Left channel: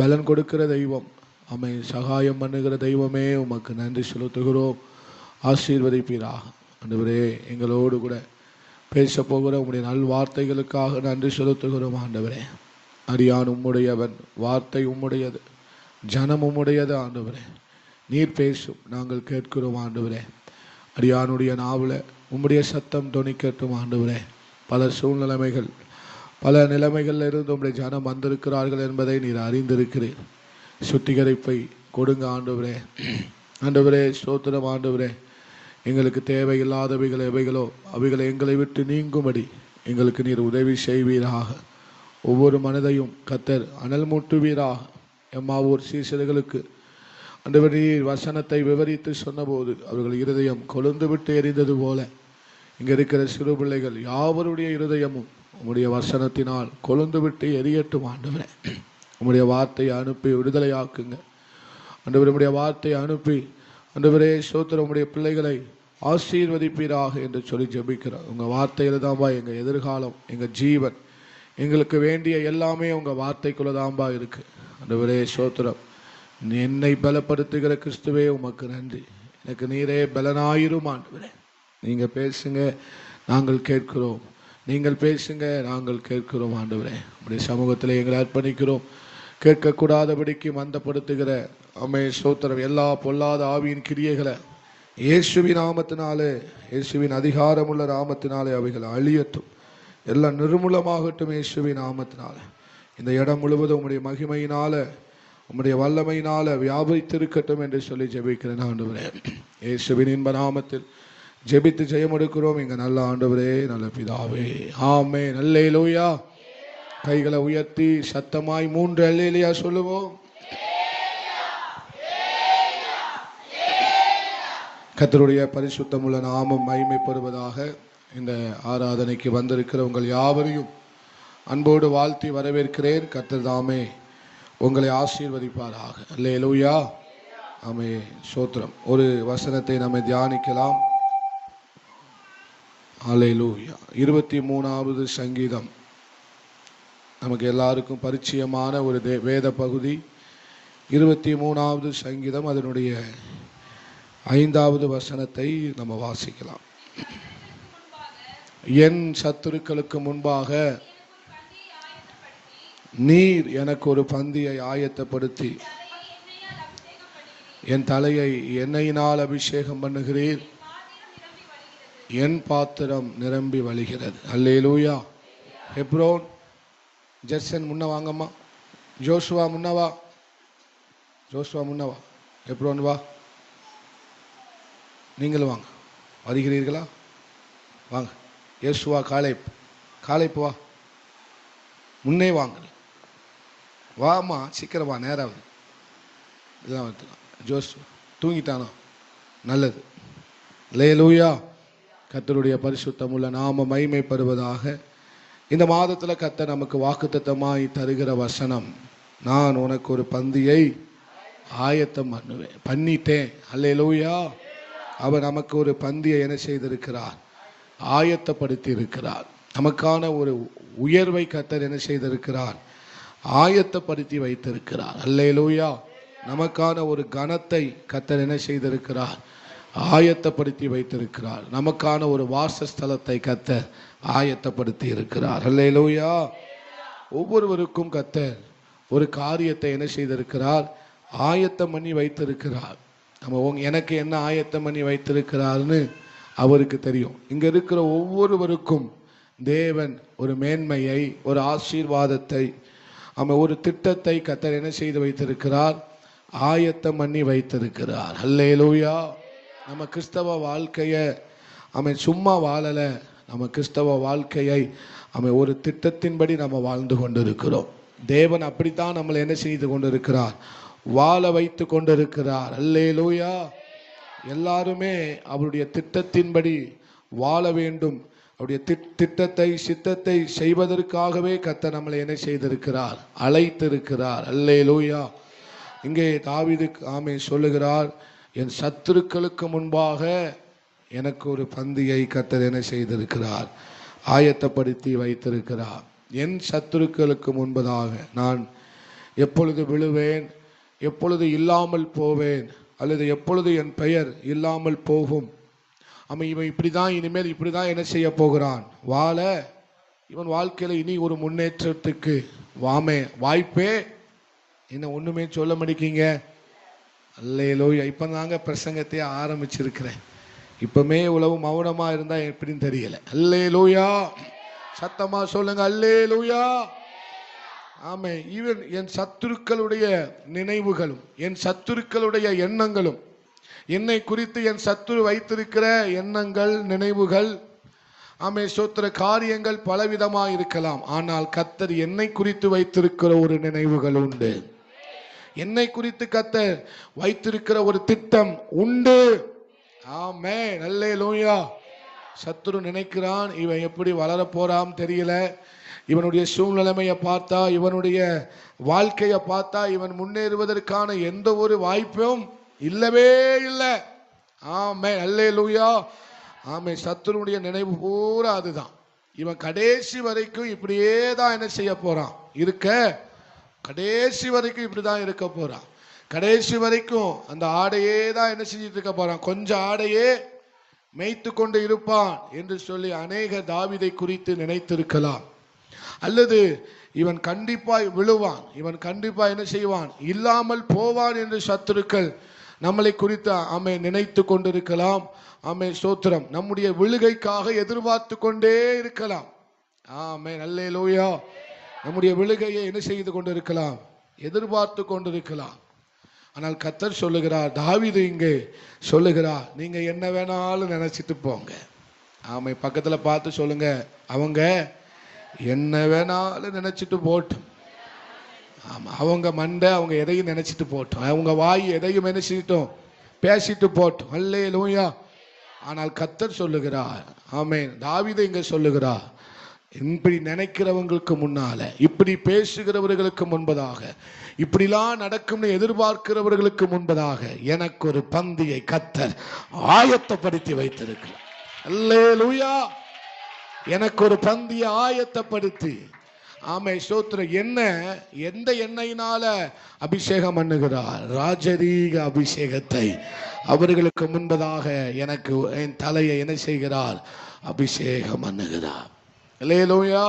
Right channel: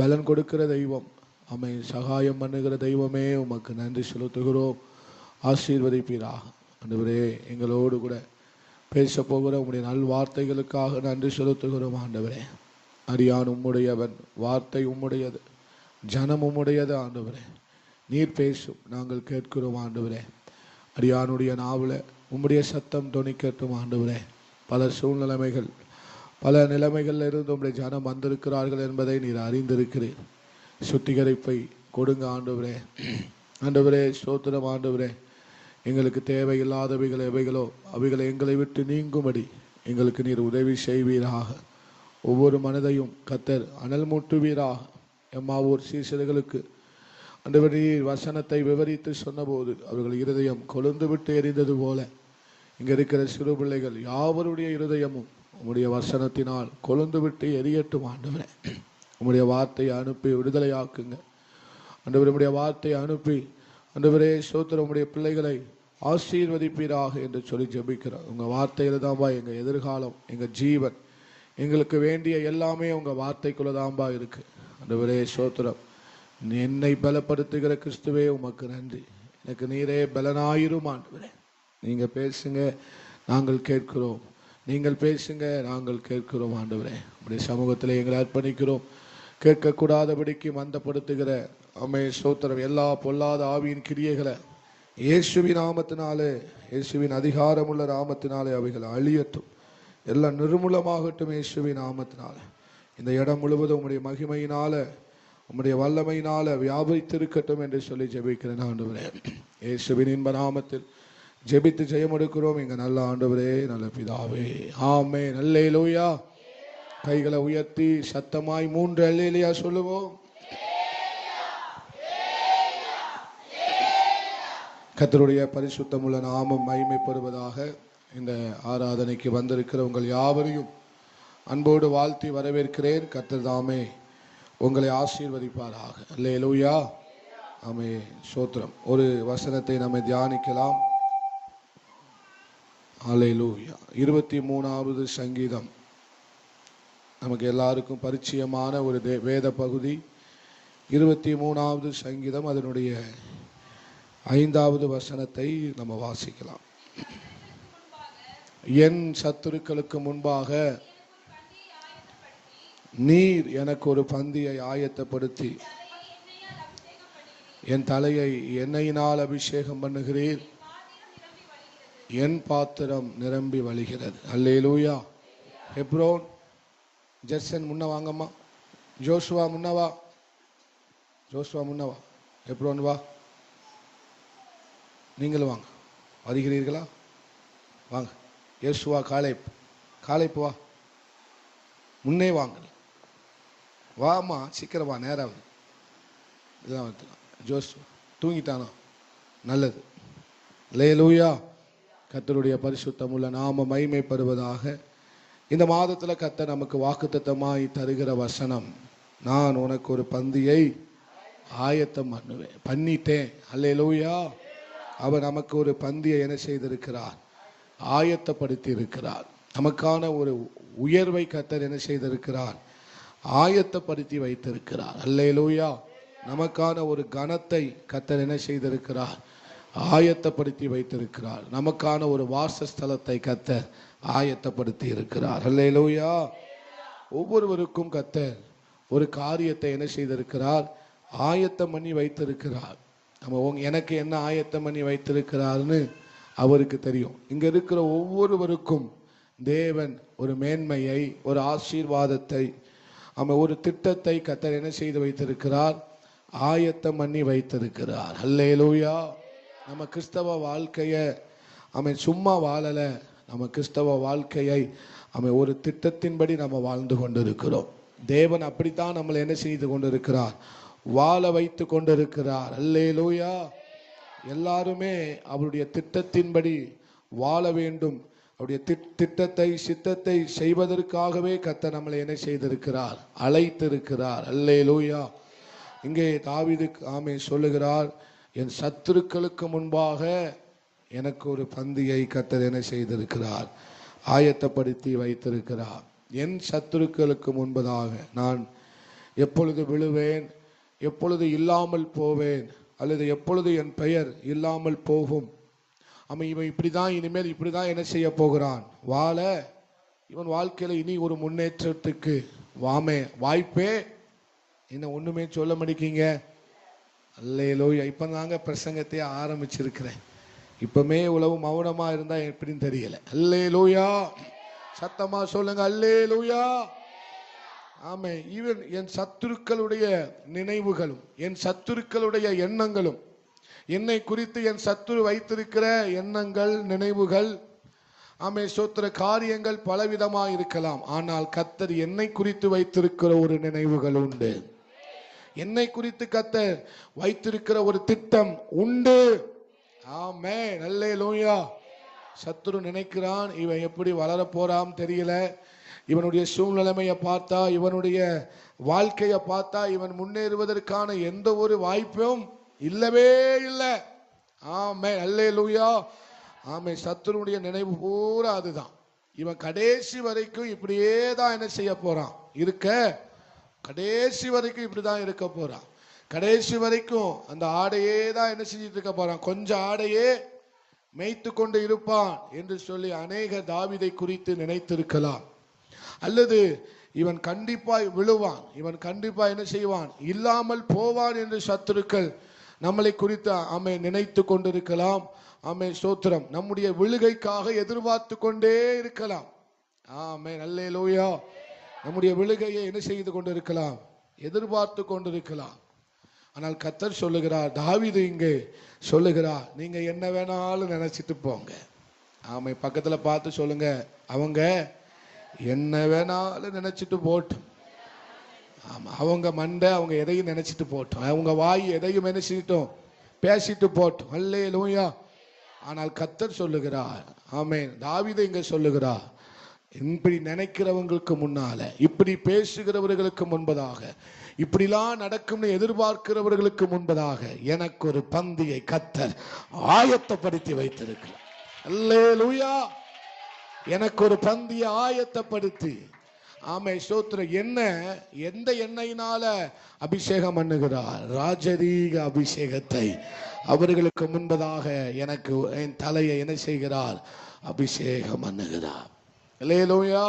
பலன் கொடுக்கிற தெய்வம், அமை சகாயம் பண்ணுகிற தெய்வமே உமக்கு நன்றி செலுத்துகிறோம். ஆசீர்வதிப்பீராக. ஆண்டவரே, எங்களோடு கூட பேச போகிற உம்முடைய நல் வார்த்தைகளுக்காக நன்றி செலுத்துகிறோம். ஆண்டவரே, அடியான் உம்முடையவன், வார்த்தை உம்முடையது, ஜனம் உம்முடையது. ஆண்டவரே, நீர் பேசும், நாங்கள் கேட்கிறோம். ஆண்டவரே, அடியானுடைய நாவில் உம்முடைய சத்தம் தொனிக்கட்டும். ஆண்டவரே, பல சூழ்நிலைமைகள், பல நிலைமைகளில் இருந்து உம்முடைய ஜனம் வந்திருக்கிறார்கள் என்பதை நீர் அறிந்திருக்கிறீர். சுத்திகரிப்பை கொடுங்க ஆண்டவரே. ஆண்டவரே, ஸ்தோத்திரம். ஆண்டவரே, எங்களுக்கு தேவையில்லாதவைகள் எவைகளோ அவைகளை எங்களை விட்டு நீங்கும்படி எங்களுக்கு நீர் உதவி செய்வீராக. ஒவ்வொரு மனதையும் கர்த்தர் அனல் மூட்டுவீராக. எம்மாவூர் சீசர்களுக்கு ஆண்டவரே, நீர் வசனத்தை விவரித்து சொன்னபோது அவர்கள் இருதயம் கொழுந்து விட்டு எரிந்தது போல இங்கே இருக்கிற சிறு பிள்ளைகள் யாவருடைய இருதயமும் உம்முடைய வசனத்தினால் கொழுந்து விட்டு எரியட்டும். ஆண்டவரே, உம்முடைய வார்த்தையை அனுப்பி விடுதலையாக்குங்க. ஆண்டவரே, உம்முடைய வார்த்தையை அனுப்பி ஆண்டவரே ஸ்தோத்திரம், உம்முடைய பிள்ளைகளை ஆசீர்வதிப்பீராக என்று சொல்லி ஜெபிக்கிறோம். உங்கள் வார்த்தையில் தான்பா எங்கள் எதிர்காலம், எங்கள் ஜீவன், எங்களுக்கு வேண்டிய எல்லாமே உங்கள் வார்த்தைக்குள்ள தான்பா இருக்கு. ஆண்டவரே ஸ்தோத்திரம், என்னை பலப்படுத்துகிற கிறிஸ்துவே உமக்கு நன்றி. எனக்கு நீரே பலனாயிரும். ஆண்டவரே, நீங்கள் பேசுங்க, நாங்கள் கேட்கிறோம். நீங்கள் பேசுங்க, நாங்கள் கேட்கிறோம். ஆண்டவரே, உடைய சமூகத்தில் எங்களை அர்ப்பணிக்கிறோம். கேட்கக்கூடாதபடிக்கு மந்தப்படுத்துகிற அம்மே ஸ்தோத்திரம், எல்லா பொல்லாத ஆவியின் கிரியைகளை இயேசுவின் நாமத்தினாலே, இயேசுவின் அதிகாரமுள்ள நாமத்தினாலே அவைகள் அழியட்டும், எல்லாம் நிர்மூலமாகட்டும். இயேசுவின் நாமத்தினால இந்த இடம் முழுவதும் உம்முடைய மகிமையினால, உம்முடைய வல்லமையினால வியாபித்திருக்கட்டும் என்று சொல்லி ஜெபிக்கிறேன். ஆண்டவரே, இயேசுவின் இன்ப நாமத்தில் ஜெபித்து ஜெயம் எடுக்கிறோம் எங்க நல்ல ஆண்டவரே, நல்ல பிதாவே, ஆமென். அல்லேலூயா. கைகளை உயர்த்தி சத்தமாய் 3 அல்லேலூயா சொல்லுவோம். கர்த்தருடைய பரிசுத்தமுள்ள நாமம் மகிமைப்படுவதாக. இந்த ஆராதனைக்கு வந்திருக்கிற உங்கள் யாவரையும் அன்போடு வாழ்த்தி வரவேற்கிறேன். கர்த்தர் தாமே உங்களை ஆசீர்வதிப்பாராக. அல்லேலூயா. ஆமென். ஸ்தோத்திரம். ஒரு வசனத்தை நம்ம தியானிக்கலாம். அல்லேலூயா. 23வது சங்கீதம் நமக்கு எல்லாருக்கும் பரிச்சயமான ஒரு வேத பகுதி. 23வது சங்கீதம், அதனுடைய 5வது வசனத்தை நம்ம வாசிக்கலாம். என் சத்துருக்களுக்கு முன்பாக நீர் எனக்கு ஒரு பந்தியை ஆயத்தப்படுத்தி என் தலையை எண்ணெயினால் அபிஷேகம் பண்ணுகிறீர், என் பாத்திரம் நிரம்பி வழிகிறது. அல்லேலூயா. ஹெப்ரோன், ஜெர்சன் முன்ன வாங்கம்மா. ஜோஷுவா முன்னவா, ஜோஷுவா முன்னவா. ஹெப்ரோன் வா, நீங்களும் வாங்க. வருகிறீர்களா? வாங்க. யேசுவா, காலைப்பு வா, முன்னே வாங்க. வாமா, சீக்கிரம் வா, நேராக இதெல்லாம் வந்துக்கலாம். ஜோஷுவா தூங்கிட்டானா? நல்லது. அல்லேலூயா. கர்த்தருடைய பரிசுத்தமுள்ள நாம மகிமைப்படுவதாக. இந்த மாதத்தில் கர்த்தர் நமக்கு வாக்குத்தத்தமாய் தருகிற வசனம், நான் உனக்கு ஒரு பந்தியை ஆயத்தம் பண்ணுவேன். பண்ணிட்டேன். அல்லேலூயா. அவர் நமக்கு ஒரு பந்தியை என்ன செய்திருக்கிறார்? ஆயத்தப்படுத்தி இருக்கிறார். நமக்கான ஒரு உயர்வை கர்த்தர் என்ன செய்திருக்கிறார்? ஆயத்தப்படுத்தி வைத்திருக்கிறார். அல்லேலூயா. நமக்கான ஒரு கனத்தை கர்த்தர் என்ன செய்திருக்கிறார்? ஆயத்தப்படுத்தி வைத்திருக்கிறார். நமக்கான ஒரு வாசஸ்தலத்தை கர்த்தர் ஆயத்தப்படுத்தி இருக்கிறார். அல்லேலூயா. ஒவ்வொருவருக்கும் கர்த்தர் ஒரு காரியத்தை என்ன செய்திருக்கிறார்? ஆயத்தம் பண்ணி வைத்திருக்கிறார். நம்ம எனக்கு என்ன ஆயத்தம் பண்ணி வைத்திருக்கிறார்னு அவருக்கு தெரியும். இங்க இருக்கிற ஒவ்வொருவருக்கும் தேவன் ஒரு மேன்மையை, ஒரு ஆசீர்வாதத்தை, ஒரு திட்டத்தை கர்த்தர் என்ன செய்து வைத்திருக்கிறார்? ஆயத்தம் பண்ணி வைத்திருக்கிறார். அல்லேலூயா. நம்ம கிறிஸ்தவ வாழ்க்கையை சும்மா வாழல. நம்ம கிறிஸ்தவ வாழ்க்கையை ஒரு திட்டத்தின்படி நம்ம வாழ்ந்து கொண்டிருக்கிறோம். தேவன் அப்படித்தான் நம்மளை என்ன செய்து கொண்டிருக்கிறார்? வாழ வைத்து கொண்டிருக்கிறார். அல்லேலூயா. எல்லாருமே அவருடைய திட்டத்தின்படி வாழ வேண்டும். அவருடைய திட்டத்தை, சித்தத்தை செய்வதற்காகவே கர்த்தர் நம்மளை என்ன செய்திருக்கிறார்? அழைத்திருக்கிறார். அல்லேலூயா. இங்கே தாவீது சொல்லுகிறார், என் சத்துருக்களுக்கு முன்பாக எனக்கு ஒரு பந்தியை கர்த்தர் என்ன செய்திருக்கிறார்? ஆயத்தப்படுத்தி வைத்திருக்கிறார். என் சத்துருக்களுக்கு முன்பதாக நான் எப்பொழுது விழுவேன், எப்பொழுது இல்லாமல் போவேன், அல்லது எப்பொழுது என் பெயர் இல்லாமல் போகும். இவன் இப்படிதான், இனிமேல் இப்படிதான் என்ன செய்ய போகிறான், வாழ இவன் வாழ்க்கையில இனி ஒரு முன்னேற்றத்துக்கு வாய்ப்பே இன்னும் ஒண்ணுமே சொல்ல மாட்டீங்க. அல்லேலூயா. இப்பதாங்க பிரசங்கத்தை ஆரம்பிச்சிருக்கிறேன். இப்பமே உழவு மௌனமா இருந்தா எப்படின்னு தெரியல. அல்லேலூயா. சத்தமா சொல்லுங்க அல்லேலூயா. ஆமே. இவன் என் சத்துருக்களுடைய நினைவுகளும் என் சத்துருக்களுடைய எண்ணங்களும், என்னை குறித்து என் சத்துரு வைத்திருக்கிற எண்ணங்கள், நினைவுகள், ஆமே சோத்திர காரியங்கள் பலவிதமாக இருக்கலாம். ஆனால் கர்த்தர் என்னை குறித்து வைத்திருக்கிற ஒரு நினைவுகள் உண்டு. என்னை குறித்து கர்த்தர் வைத்திருக்கிற ஒரு திட்டம் உண்டு. ஆமென். அல்லேலூயா. சத்துரு நினைக்கிறான், இவன் எப்படி வளர போறான் தெரியல, இவனுடைய சூழ்நிலைமையை பார்த்தா, இவனுடைய வாழ்க்கையை பார்த்தா இவன் முன்னேறுவதற்கான எந்த ஒரு வாய்ப்பும் இல்லவே இல்லை. ஆமென். அல்லேலூயா. ஆமே. சத்துருடைய நினைவு பூரா அதுதான். இவன் கடைசி வரைக்கும் இப்படியே தான் என்ன செய்ய போறான், கடைசி வரைக்கும் இப்படிதான் இருக்க போறான். கடைசி வரைக்கும் அந்த ஆடையே தான் என்ன செஞ்சிட்டு இருக்க போறான், கொஞ்சம் ஆடையே மேய்த்து கொண்டு இருப்பான் என்று சொல்லி அநேக தாவீதை குறித்து நினைத்திருக்கலாம். அல்லது இவன் கண்டிப்பாய் விழுவான், இவன் கண்டிப்பா என்ன செய்வான், இல்லாமல் போவான் என்று சத்துருக்கள் நம்மளை குறித்து ஆமே நினைத்து கொண்டிருக்கலாம். ஆமே ஸ்தோத்திரம். நம்முடைய விழுகைக்காக எதிர்பார்த்து கொண்டே இருக்கலாம். ஆமென். அல்லேலூயா. நம்முடைய விழுகையை என்ன செய்து கொண்டிருக்கலாம், எதிர்பார்த்து கொண்டிருக்கலாம். ஆனால் கர்த்தர் சொல்லுகிறார், தாவீது இங்கே சொல்லுகிறார், நீங்க என்ன வேணாலும் நினைச்சிட்டு போங்க. ஆமை. பக்கத்துல பார்த்து சொல்லுங்க, அவங்க என்ன வேணாலும் நினைச்சிட்டு போட்டும். ஆமா. அவங்க மண்டை அவங்க எதையும் நினைச்சிட்டு போட்டோம், அவங்க வாய் எதையும் நினைச்சிட்டோம், பேசிட்டு போட்டோம். அல்லேலூயா. ஆனால் கர்த்தர் சொல்லுகிறார், ஆமென், தாவீது இங்க சொல்லுகிறார், இப்படி நினைக்கிறவங்களுக்கு முன்னால, இப்படி பேசுகிறவர்களுக்கு முன்பதாக, இப்படிலாம் நடக்கும்னு எதிர்பார்க்கிறவர்களுக்கு முன்பதாக எனக்கு ஒரு பந்தியை கர்த்தர் ஆயத்தப்படுத்தி வைத்திருக்கிறார். அல்லேலூயா. எனக்கு ஒரு பந்தியை ஆயத்தப்படுத்தி, ஆமை ஸ்தோத்திர, என்ன எந்த எண்ணெயினால அபிஷேகம் பண்ணுகிறார், ராஜரீக அபிஷேகத்தை அவர்களுக்கு முன்பதாக எனக்கு என் தலையை என்ன செய்கிறார், அபிஷேகம் பண்ணுகிறார். அல்லேலூயா.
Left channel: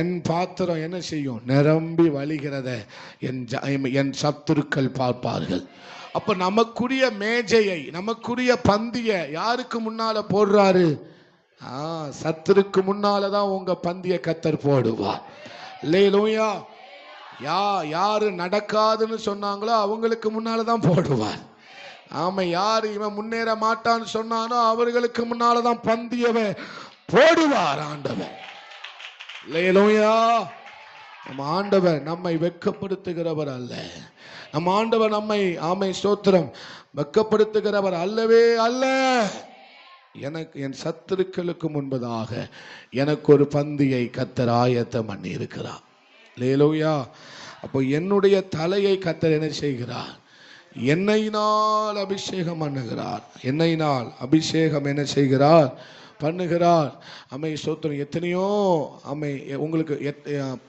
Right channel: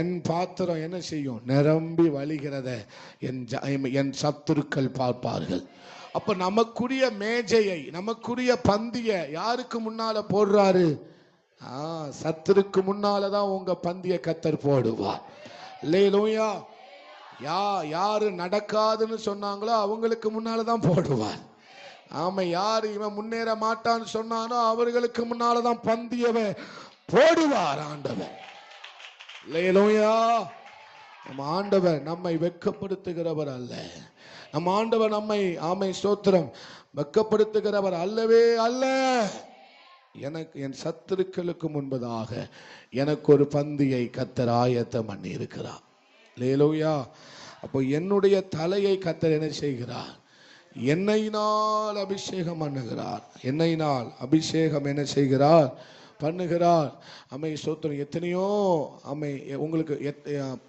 என் பாத்திரம் என்ன செய்யும், நிரம்பி வழிகிறத என் சத்துருக்கள் பார்ப்பார்கள். அப்ப நமக்குரிய மேஜையை, நமக்குரிய பந்தியை யாருக்கு முன்னால போடுறாரு, சத்துருக்கு முன்னாலதான் உங்க பந்திய கர்த்தர் போடுவார். அல்லேலூயா. யாரு நடக்காதுன்னு சொன்னாங்களோ அவங்களுக்கு முன்னாலதான் போடுவார். ஆமா. யாரு இவன் முன்னேற மாட்டான்னு சொன்னானோ அவர்களுக்கு முன்னாலதான் பந்தியவை போடுவார் ஆண்டவர். அல்லேலூயா. நம்ம ஆண்டவர் நம்மை வெட்கப்படுத்துகிறவர் அல்ல. நம்ம ஆண்டவர் நம்மை, ஆமை ஸ்தோத்திரம், வெட்கப்படுத்துகிறவர் அல்லவே அல்ல. எனக்கு என் சத்துருக்களுக்கு முன்பதாக எனக்கு ஒரு பந்தியை கர்த்தர் ஆயத்தம் பண்ணி இருக்கிறார். அல்லேலூயா. அப்போ என்னுடைய தலையை கர்த்தர் என்ன செய்கிறார், எண்ணெயினால் அபிஷேகம் பண்ணுகிறார். எண்ணெயினால் அபிஷேகம் என்ன செய்கிறார், பண்ணுகிறார். அம்மை ஸ்தோத்திரம். எத்தனையோ அம்மை உங்களுக்கு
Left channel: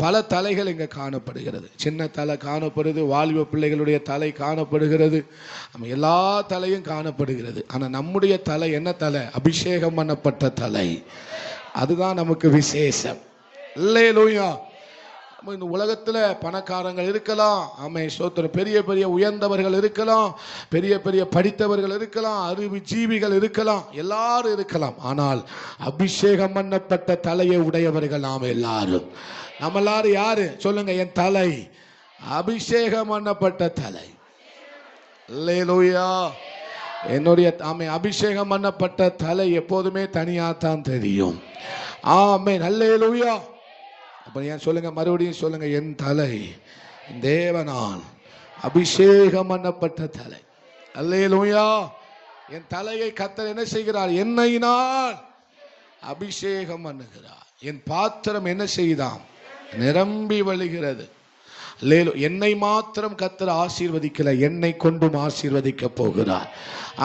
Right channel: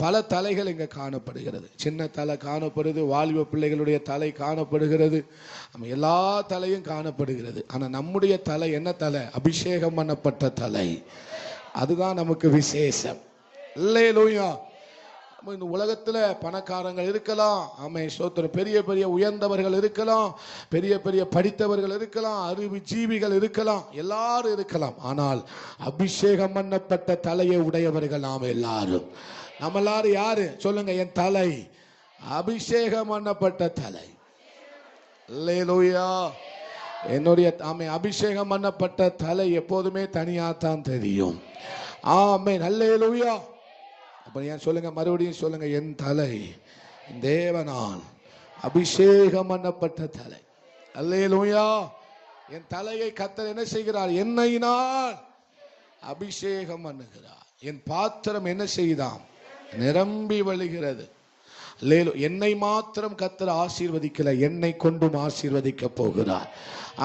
பல தலைகள் இங்கே காணப்படுகிறது. சின்ன தலை காணப்படுது, வாலிப பிள்ளைகளுடைய தலை காணப்படுகிறது, எல்லா தலையும் காணப்படுகிறது. ஆனால் நம்முடைய தலை என்ன தலை, அபிஷேகம் பண்ணப்பட்ட தலை. அதுதான் நமக்கு விசேஷம். அல்லேலூயா. இந்த உலகத்துல பணக்காரங்கள் இருக்கலாம், ஆமை ஸ்தோத்திரம், பெரிய பெரிய உயர்ந்தவர்கள் இருக்கலாம், பெரிய பெரிய படித்தவர்கள் இருக்கலாம், அறிவு ஜீவிகள் இருக்கலாம், எல்லாரும் இருக்கலாம். ஆனால் அபிஷேகம் பண்ணப்பட்ட தலையை உடையவர்கள் நாம் எல்லாரும். நம்ம எல்லாரும் யாரு சொல்லுங்க, என் தலை அபிஷேகம் பண்ணப்பட்ட தலை. அல்லேலூயா. என்னுடைய ஆமை அபிஷேகம் பண்ணப்பட்ட தலை எப்போதுமே தனியாத்தான் தெரியும். ஆமென். அல்லேலூயா. அப்ப ஏன் சொல்லுங்க, மறுபடியும் சொல்லுங்க, என் தலை தேவனால் அபிஷேகம் பண்ணப்பட்ட தலை. அல்லேலூயா. என் தலையை கர்த்தர் என்ன செய்கிறார், எண்ணெயினால் அபிஷேகம் பண்ணுகிறார். என் பாத்திரம் என்ன செய்தான், நிரம்பி வழிகிறது. என்னை மாத்திரம் கர்த்தர் ஆசீர்வதிக்கல, என்னை கொண்டும் ஆசீர்வதிக்க போகிறார்.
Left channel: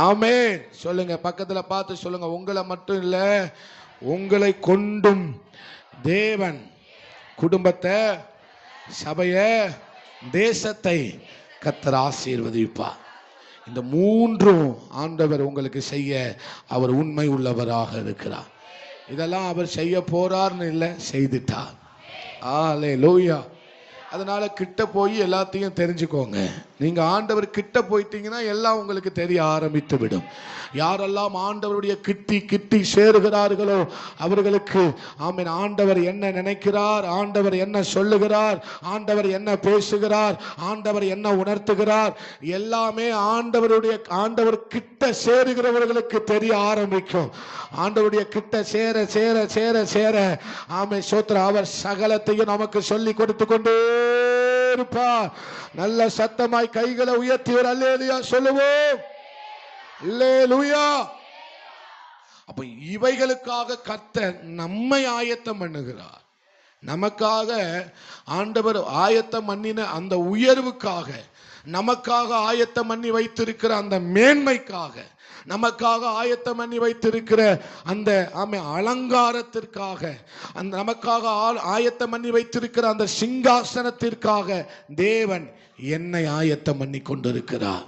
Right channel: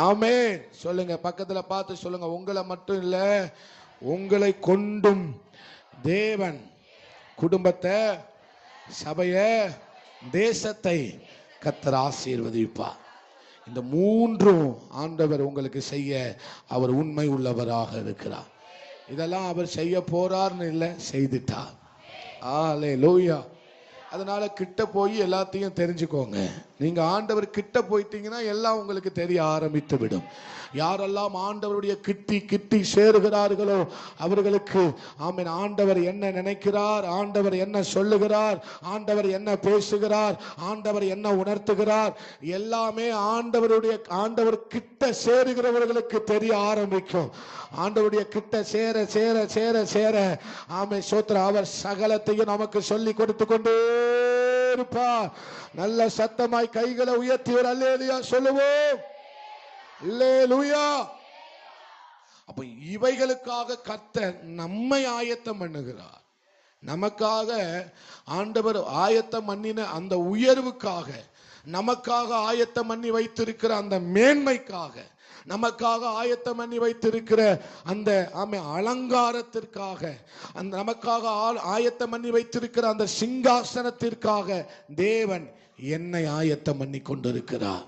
ஆமென். சொல்லுங்க, பக்கத்துல பார்த்து சொல்லுங்க, உங்களை மட்டும் இல்ல, உங்களை கொண்டும் தேவன் குடும்பத்தை, சபையை தேசத்தை கர்த்தர் ஆசீர்வதிப்பார். இந்த மூன்றும் ஆண்டவர் உங்களுக்கு செய்ய அவர் உண்மை உள்ளவராக இருக்கிறார். இதெல்லாம் அவர் செய்ய போறார்னு இல்லை, செய்துட்டார். அல்லேலூயா. அதனால கிட்ட போய் எல்லாத்தையும் தெரிஞ்சுக்கோங்க. நீங்க ஆண்டவர் கிட்ட போயிட்டீங்கன்னா எல்லாம் உங்களுக்கு தெரிய ஆரம்பித்து விடும். யாரெல்லாம் ஆண்டவருடைய கிட்டி சேருகிறார்களோ அவர்களுக்கு ஆமென் ஆண்டவர் என்ன நினைக்கிறார், ஆண்டவர் என்ன சொல்லுகிறார், ஆண்டவர் என்ன பேசுகிறார், ஆண்டவர் என்ன உணர்த்துகிறார், எல்லாமே ஆண்டவர் கிட்ட சேருகிறவர்களுக்கு தெரிய ஆரம்பிக்கும். ஆண்டவருடைய கிட்ட சேர சேர சேர சேர ஆமென் ஸ்தோத்திரம், அவர் சகலத்தையும் நமக்கு சொல்லி கொடுத்து கொண்டே இருப்பார். நல்ல சத்தமாய் கைகளை உயர்த்தி ஒரு அல்லேலூயா சொல்லுவோம். அல்லேலூயா. அப்ப இவைகளுக்காக கர்த்தர் நம்மை ஆயத்தம் பண்ணுகிறார். நமக்காக ஆண்டவர் ஆயத்தம் பண்ணின அந்த உயர்வுக்காக, நமக்காக ஆயத்தம் பண்ணி வைத்திருக்கிற அந்த மேன்மைக்காக, நமக்காக ஆயத்தம் பண்ணி வைத்திருக்கிற அந்த அலங்காரத்திற்காக, அந்த நமக்காக ஆயத்தம் பண்ணி வைத்திருக்கிற அந்த சிங்காசனத்திற்காக தேவன் என்னை ஆயத்தம் பண்ணி கொண்டிருக்கிறார்.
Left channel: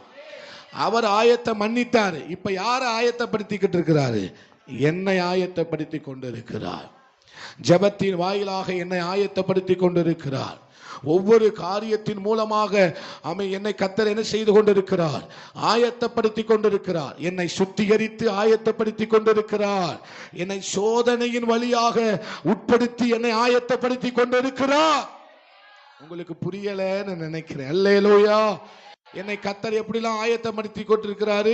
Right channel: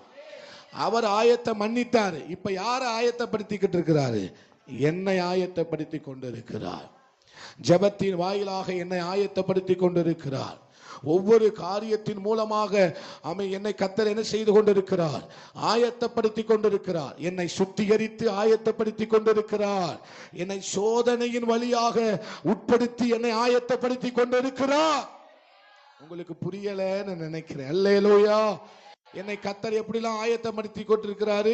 அவர் ஆயத்தம் பண்ணிட்டார். இப்ப யாரை ஆயத்தப்படுத்திக்கிட்டு இருக்கிறாரு? என்னை ஆயத்தப்படுத்தி கொண்டிருக்கிறார். ஜெபத்தின் வாயிலாக என்னை ஆயத்தப்படுத்தி கொண்டிருக்கிறார். ஒவ்வொரு காரியத்தின் மூலமாக என்னை கர்த்தர் என்ன செய்து கொண்டிருக்கிறார்? ஆயத்தப்படுத்தி கொண்டிருக்கிறார். என்னை சுத்திகரித்து ஆயத்தப்படுத்தி கொண்டிருக்கிறார். என்னை சோதனையின் வழியாக உட்படுத்தி என்னை ஆயத்தப்படுத்தி கொண்டிருக்கிறார். உங்களுக்கு புரியலன்னு நினைக்கிறேன். அல்லேலூயா. என்னை கர்த்தர் எப்படிலாம் ஆயத்தப்படுத்தி கொண்டிருக்கிறாரு?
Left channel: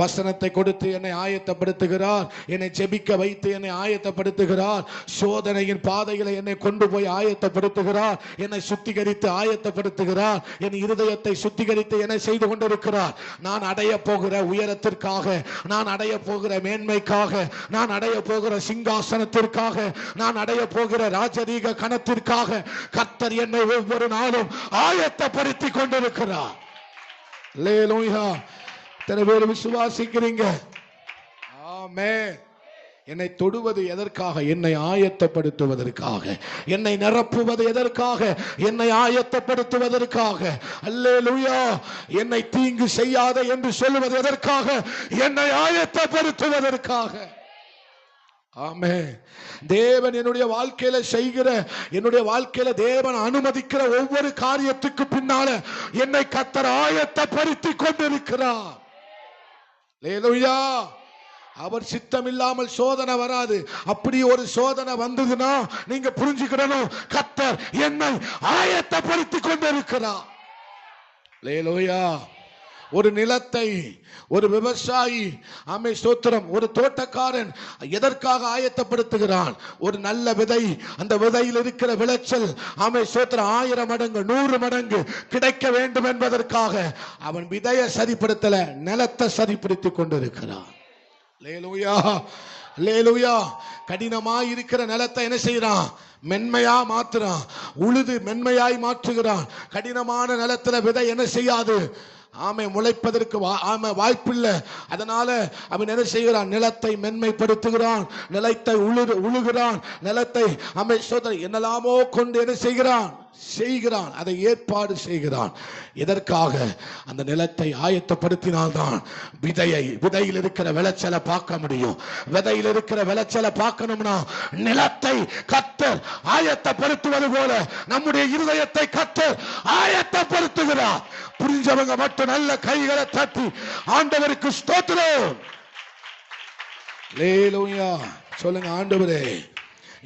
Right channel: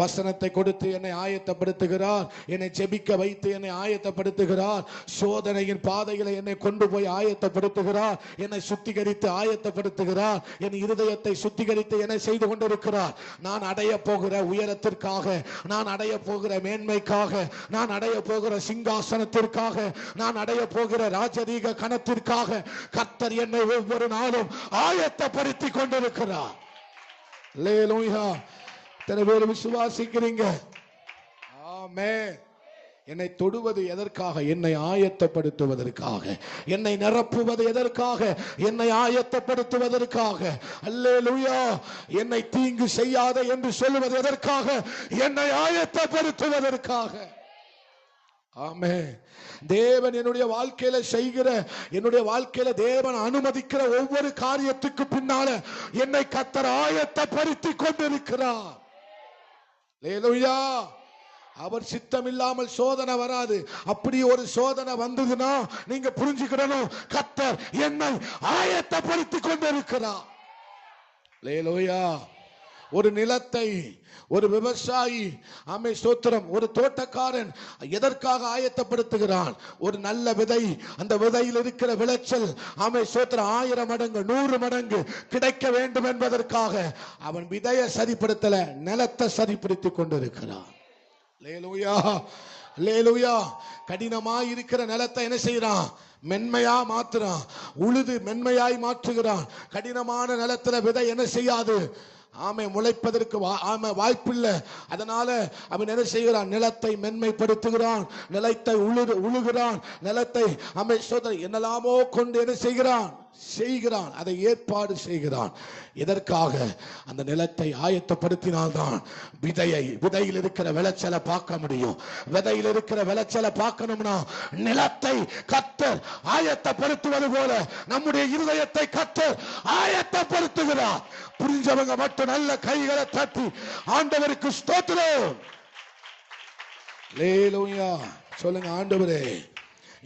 வசனத்தை கொடுத்து என்னை ஆயத்தப்படுத்துகிறார். என்னை ஜெபிக்க வைத்து என்னை ஆயத்தப்படுத்துகிறார். சோதனையின் பாதைகளை என்னை கொண்டு போய் ஆயத்தப்படுத்துகிறார். என்னை சுத்திகரித்து ஆயத்தப்படுத்துகிறார். என் இருதயத்தை சுத்திகரித்து என்னை செய்து கொண்டிருக்கிறார். நான் அடைய போகிற உயரத்திற்காக, நான் அடைய போகிற மேன்மைக்காக, நான் அடைய போகிற சிங்காசனத்திற்காக, நான் அடைய போகிற ராஜரீக கணத்திற்காக கர்த்தர் என்னை ஒவ்வொரு நாளும் ஆயத்தப்படுத்தி கொண்டிருக்கிறார். அல்லேலூயா. எத்தனை பேர் விசுவாசிக்கிறீங்க? ஆமென். என்னை தொடுவது எதற்காக? என்னை ஆயத்தப்படுத்துவதற்காக. என்னை நிரப்புவது எதற்காக? என்னை ஆயத்தப்படுத்துவதற்காக. அல்லேலூயா. என்னை தீங்கு செய்யாத என்று சொல்லுவது எதற்காக? என்னை ஆயத்தப்படுத்துவதற்காக. ஆமென். தேவன் என்னுடைய வாழ்க்கையில செய்கிற, என்னுடைய வாழ்க்கையில தேவன் அனுமதிக்கிற ஒவ்வொரு காரியத்துக்கு பின்னால என்னை கர்த்தர் ஆயத்தப்படுத்தி கொண்டிருக்கிறார். அல்லேலூயா. அவர் சித்தம் இல்லாமல் சோதனை வராது. அப்படி ஒரு சோதனை வந்ததுன்னா நீங்க புரிஞ்சுக்கணும், கர்த்தர் என்னை ஆயத்தப்படுத்தி கொண்டிருக்கிறார். அல்லேலூயா. ஒரு நிலத்தை ஒரு விவசாயி ஸ்தோத்திரம், ஒரு தோட்டக்காரன் எதற்காக ஆயத்தப்படுத்துகிறான்? ஒரு நல்ல விதை, அந்த விதையில் இருக்கிற விளைச்சல் ஸ்தோத்திரம் 1000 மடங்கு 100 மடங்கு கிடைக்க வேண்டும் என்பதற்காக அவன் விதையை சரிப்படுத்தல, நிலத்தை சரிப்படுத்திக் கொண்டிருக்கிறான். அல்லேலூயா. அல்லேலூயா. கடினமாய் இருக்கிற நிலத்தை என்ன செய்யறான்? மென்மையா மாற்றுறான். உழுது மென்மையாய் மாற்றுகிறான். கடினமான நிலத்துல விதை என்ன செய்யாது? முளைப்பதற்கு வாய்ப்பில்லை. அதனால அவன் என்ன செய்கிறான்? நிலத்தை மென்மைப்படுத்துகிறான், நிலத்தை உழுகிறான், நிலத்தை என்னெல்லாமோ கொண்டு என்ன செய்கிறான்? அதை ஏற்பாடு செய்கிறான். எதற்காக? அந்த நிலத்தை ஆயத்தப்படுத்தினால்தான் விதையில் இருக்கிற விளைச்சலை பார்க்க முடியும். விதையில் இருக்கிற விளைச்சலை பார்க்கணும்னா நிலத்தை கர்த்தர் ஆயத்தப்படுத்துவது போல நம்முடைய இருதயத்தை கர்த்தர் ஆயத்தப்படுத்துகிறார். புரிஞ்சவங்க மட்டும் நல்ல கைகளை தட்டி ஆண்டவருக்கு ஸ்தோத்திரம். அல்லேலூயா. சொல்லுங்க, ஆண்டவரே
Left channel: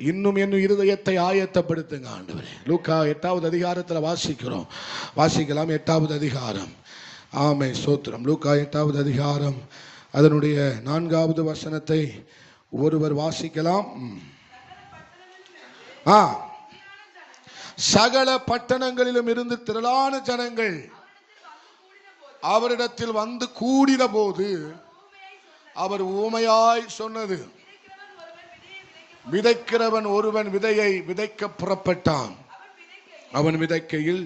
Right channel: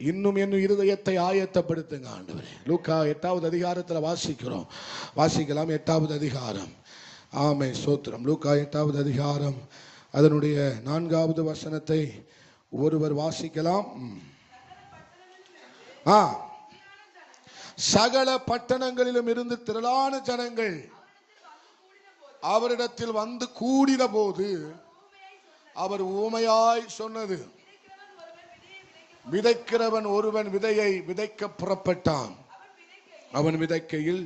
இன்னும் என் இருதயத்தை ஆயத்தப்படுத்துங்க ஆண்டவரே. லூக்கா 8வது அதிகாரத்தில் வாசிக்கலாம். 8வது அதிகாரம். ஆமென் ஸ்தோத்திரம். லூக்கா 8வது அதிகாரம் அதனுடைய 4வது வசனத்தை ஒருவர் வாசிக்கலாம். சகல பட்டணங்களிலும் இருந்து திரளான ஜனங்கள் அவரிடத்தில் வந்து கூடின போது அவர் ஊமையாய் சொன்னது, விதைக்கிறவன் ஒருவன் விதையை விதைக்க புறப்பட்டான். அவன் விதைக்கையில்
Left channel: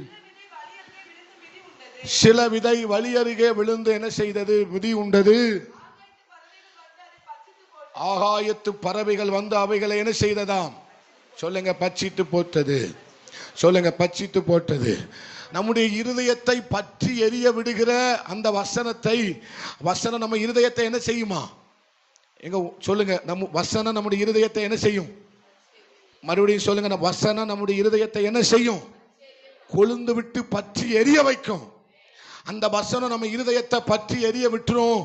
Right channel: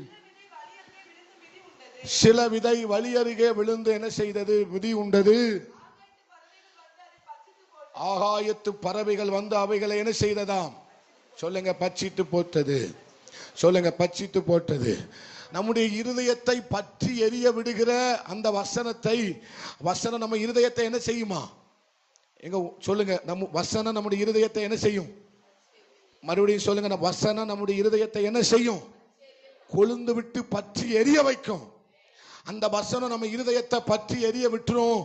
சில விதை வழி அருகே விழுந்து என்ன செய்தது? மிதி உண்டது. ஆகாயத்து பறவைகள் வந்து அவைகளை என்ன செய்ததாம்? சொல்லுங்க, பட்சித்து போட்டது. சொல்லுங்க, பட்சித்து போட்டது. நம்முடைய இருதயத்தை பற்றி எரிய விடுகிற அந்த வசனம் நம்ம இருதயத்தை என்ன செய்யுமா? எங்க சொல்லுங்க, நம்ம வசனம் நம்முடைய இருதயத்தை என்ன செய்யும்? மறுபடியும் சொல்லுங்க, வசனம் நம்முடைய இருதயத்தை என்ன செய்யும்? கொழுந்து விட்டு பற்றி எரிய வைக்கும். அந்த வசனம் நம்ம இருதயத்தை பற்றி எரிய விட்டுரும்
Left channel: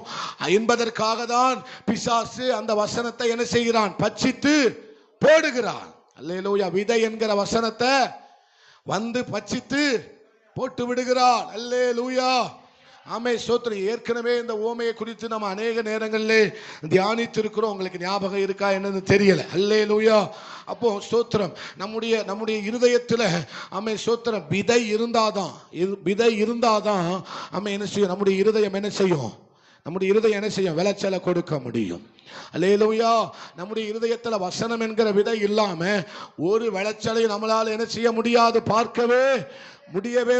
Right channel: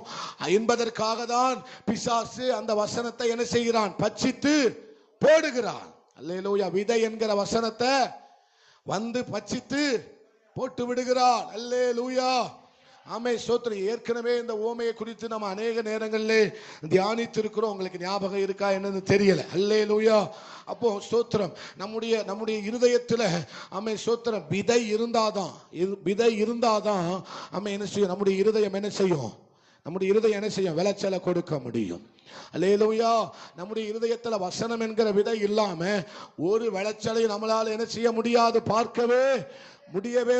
என்பதற்காக தான் பிசாசு அந்த வசனத்தை என்ன செய்கிறான்? பட்சித்து போடுகிறான். அல்லேலூயா. விதை என்கிற வசனத்தை வந்து பட்சித்து போட்டு விடுகிறான். அல்லேலூயா. ஆமே ஸ்தோத்திரம். ஏற்கனவே இந்த ஓமையை குறித்து நம்ம அநேக நேரங்களிலே தியானித்திருக்கிறோம். உங்களுக்கு ஞாபகம் இருக்கா என்னன்னு தெரியல. அல்லேலூயா. அப்போ ஸ்தோத்திரம், நம்முடைய இருதயத்தில் ஆமே ஸ்தோத்திரம், விதை இருந்தாதான் ஆமே என்ன செய்யும்? நம்முடைய இருதயம் என்ன செய்யும்? நம்முடைய இருதயம் என்ன செய்யும்? விளைச்சலை கொடுக்க முடியும். அல்லேலூயா. நம்முடைய இருதயத்தில் வசனம் என்கிற விதை இல்லாம ஒரு விளைச்சலை நம்மளால என்ன செய்ய முடியாது, பார்க்கவே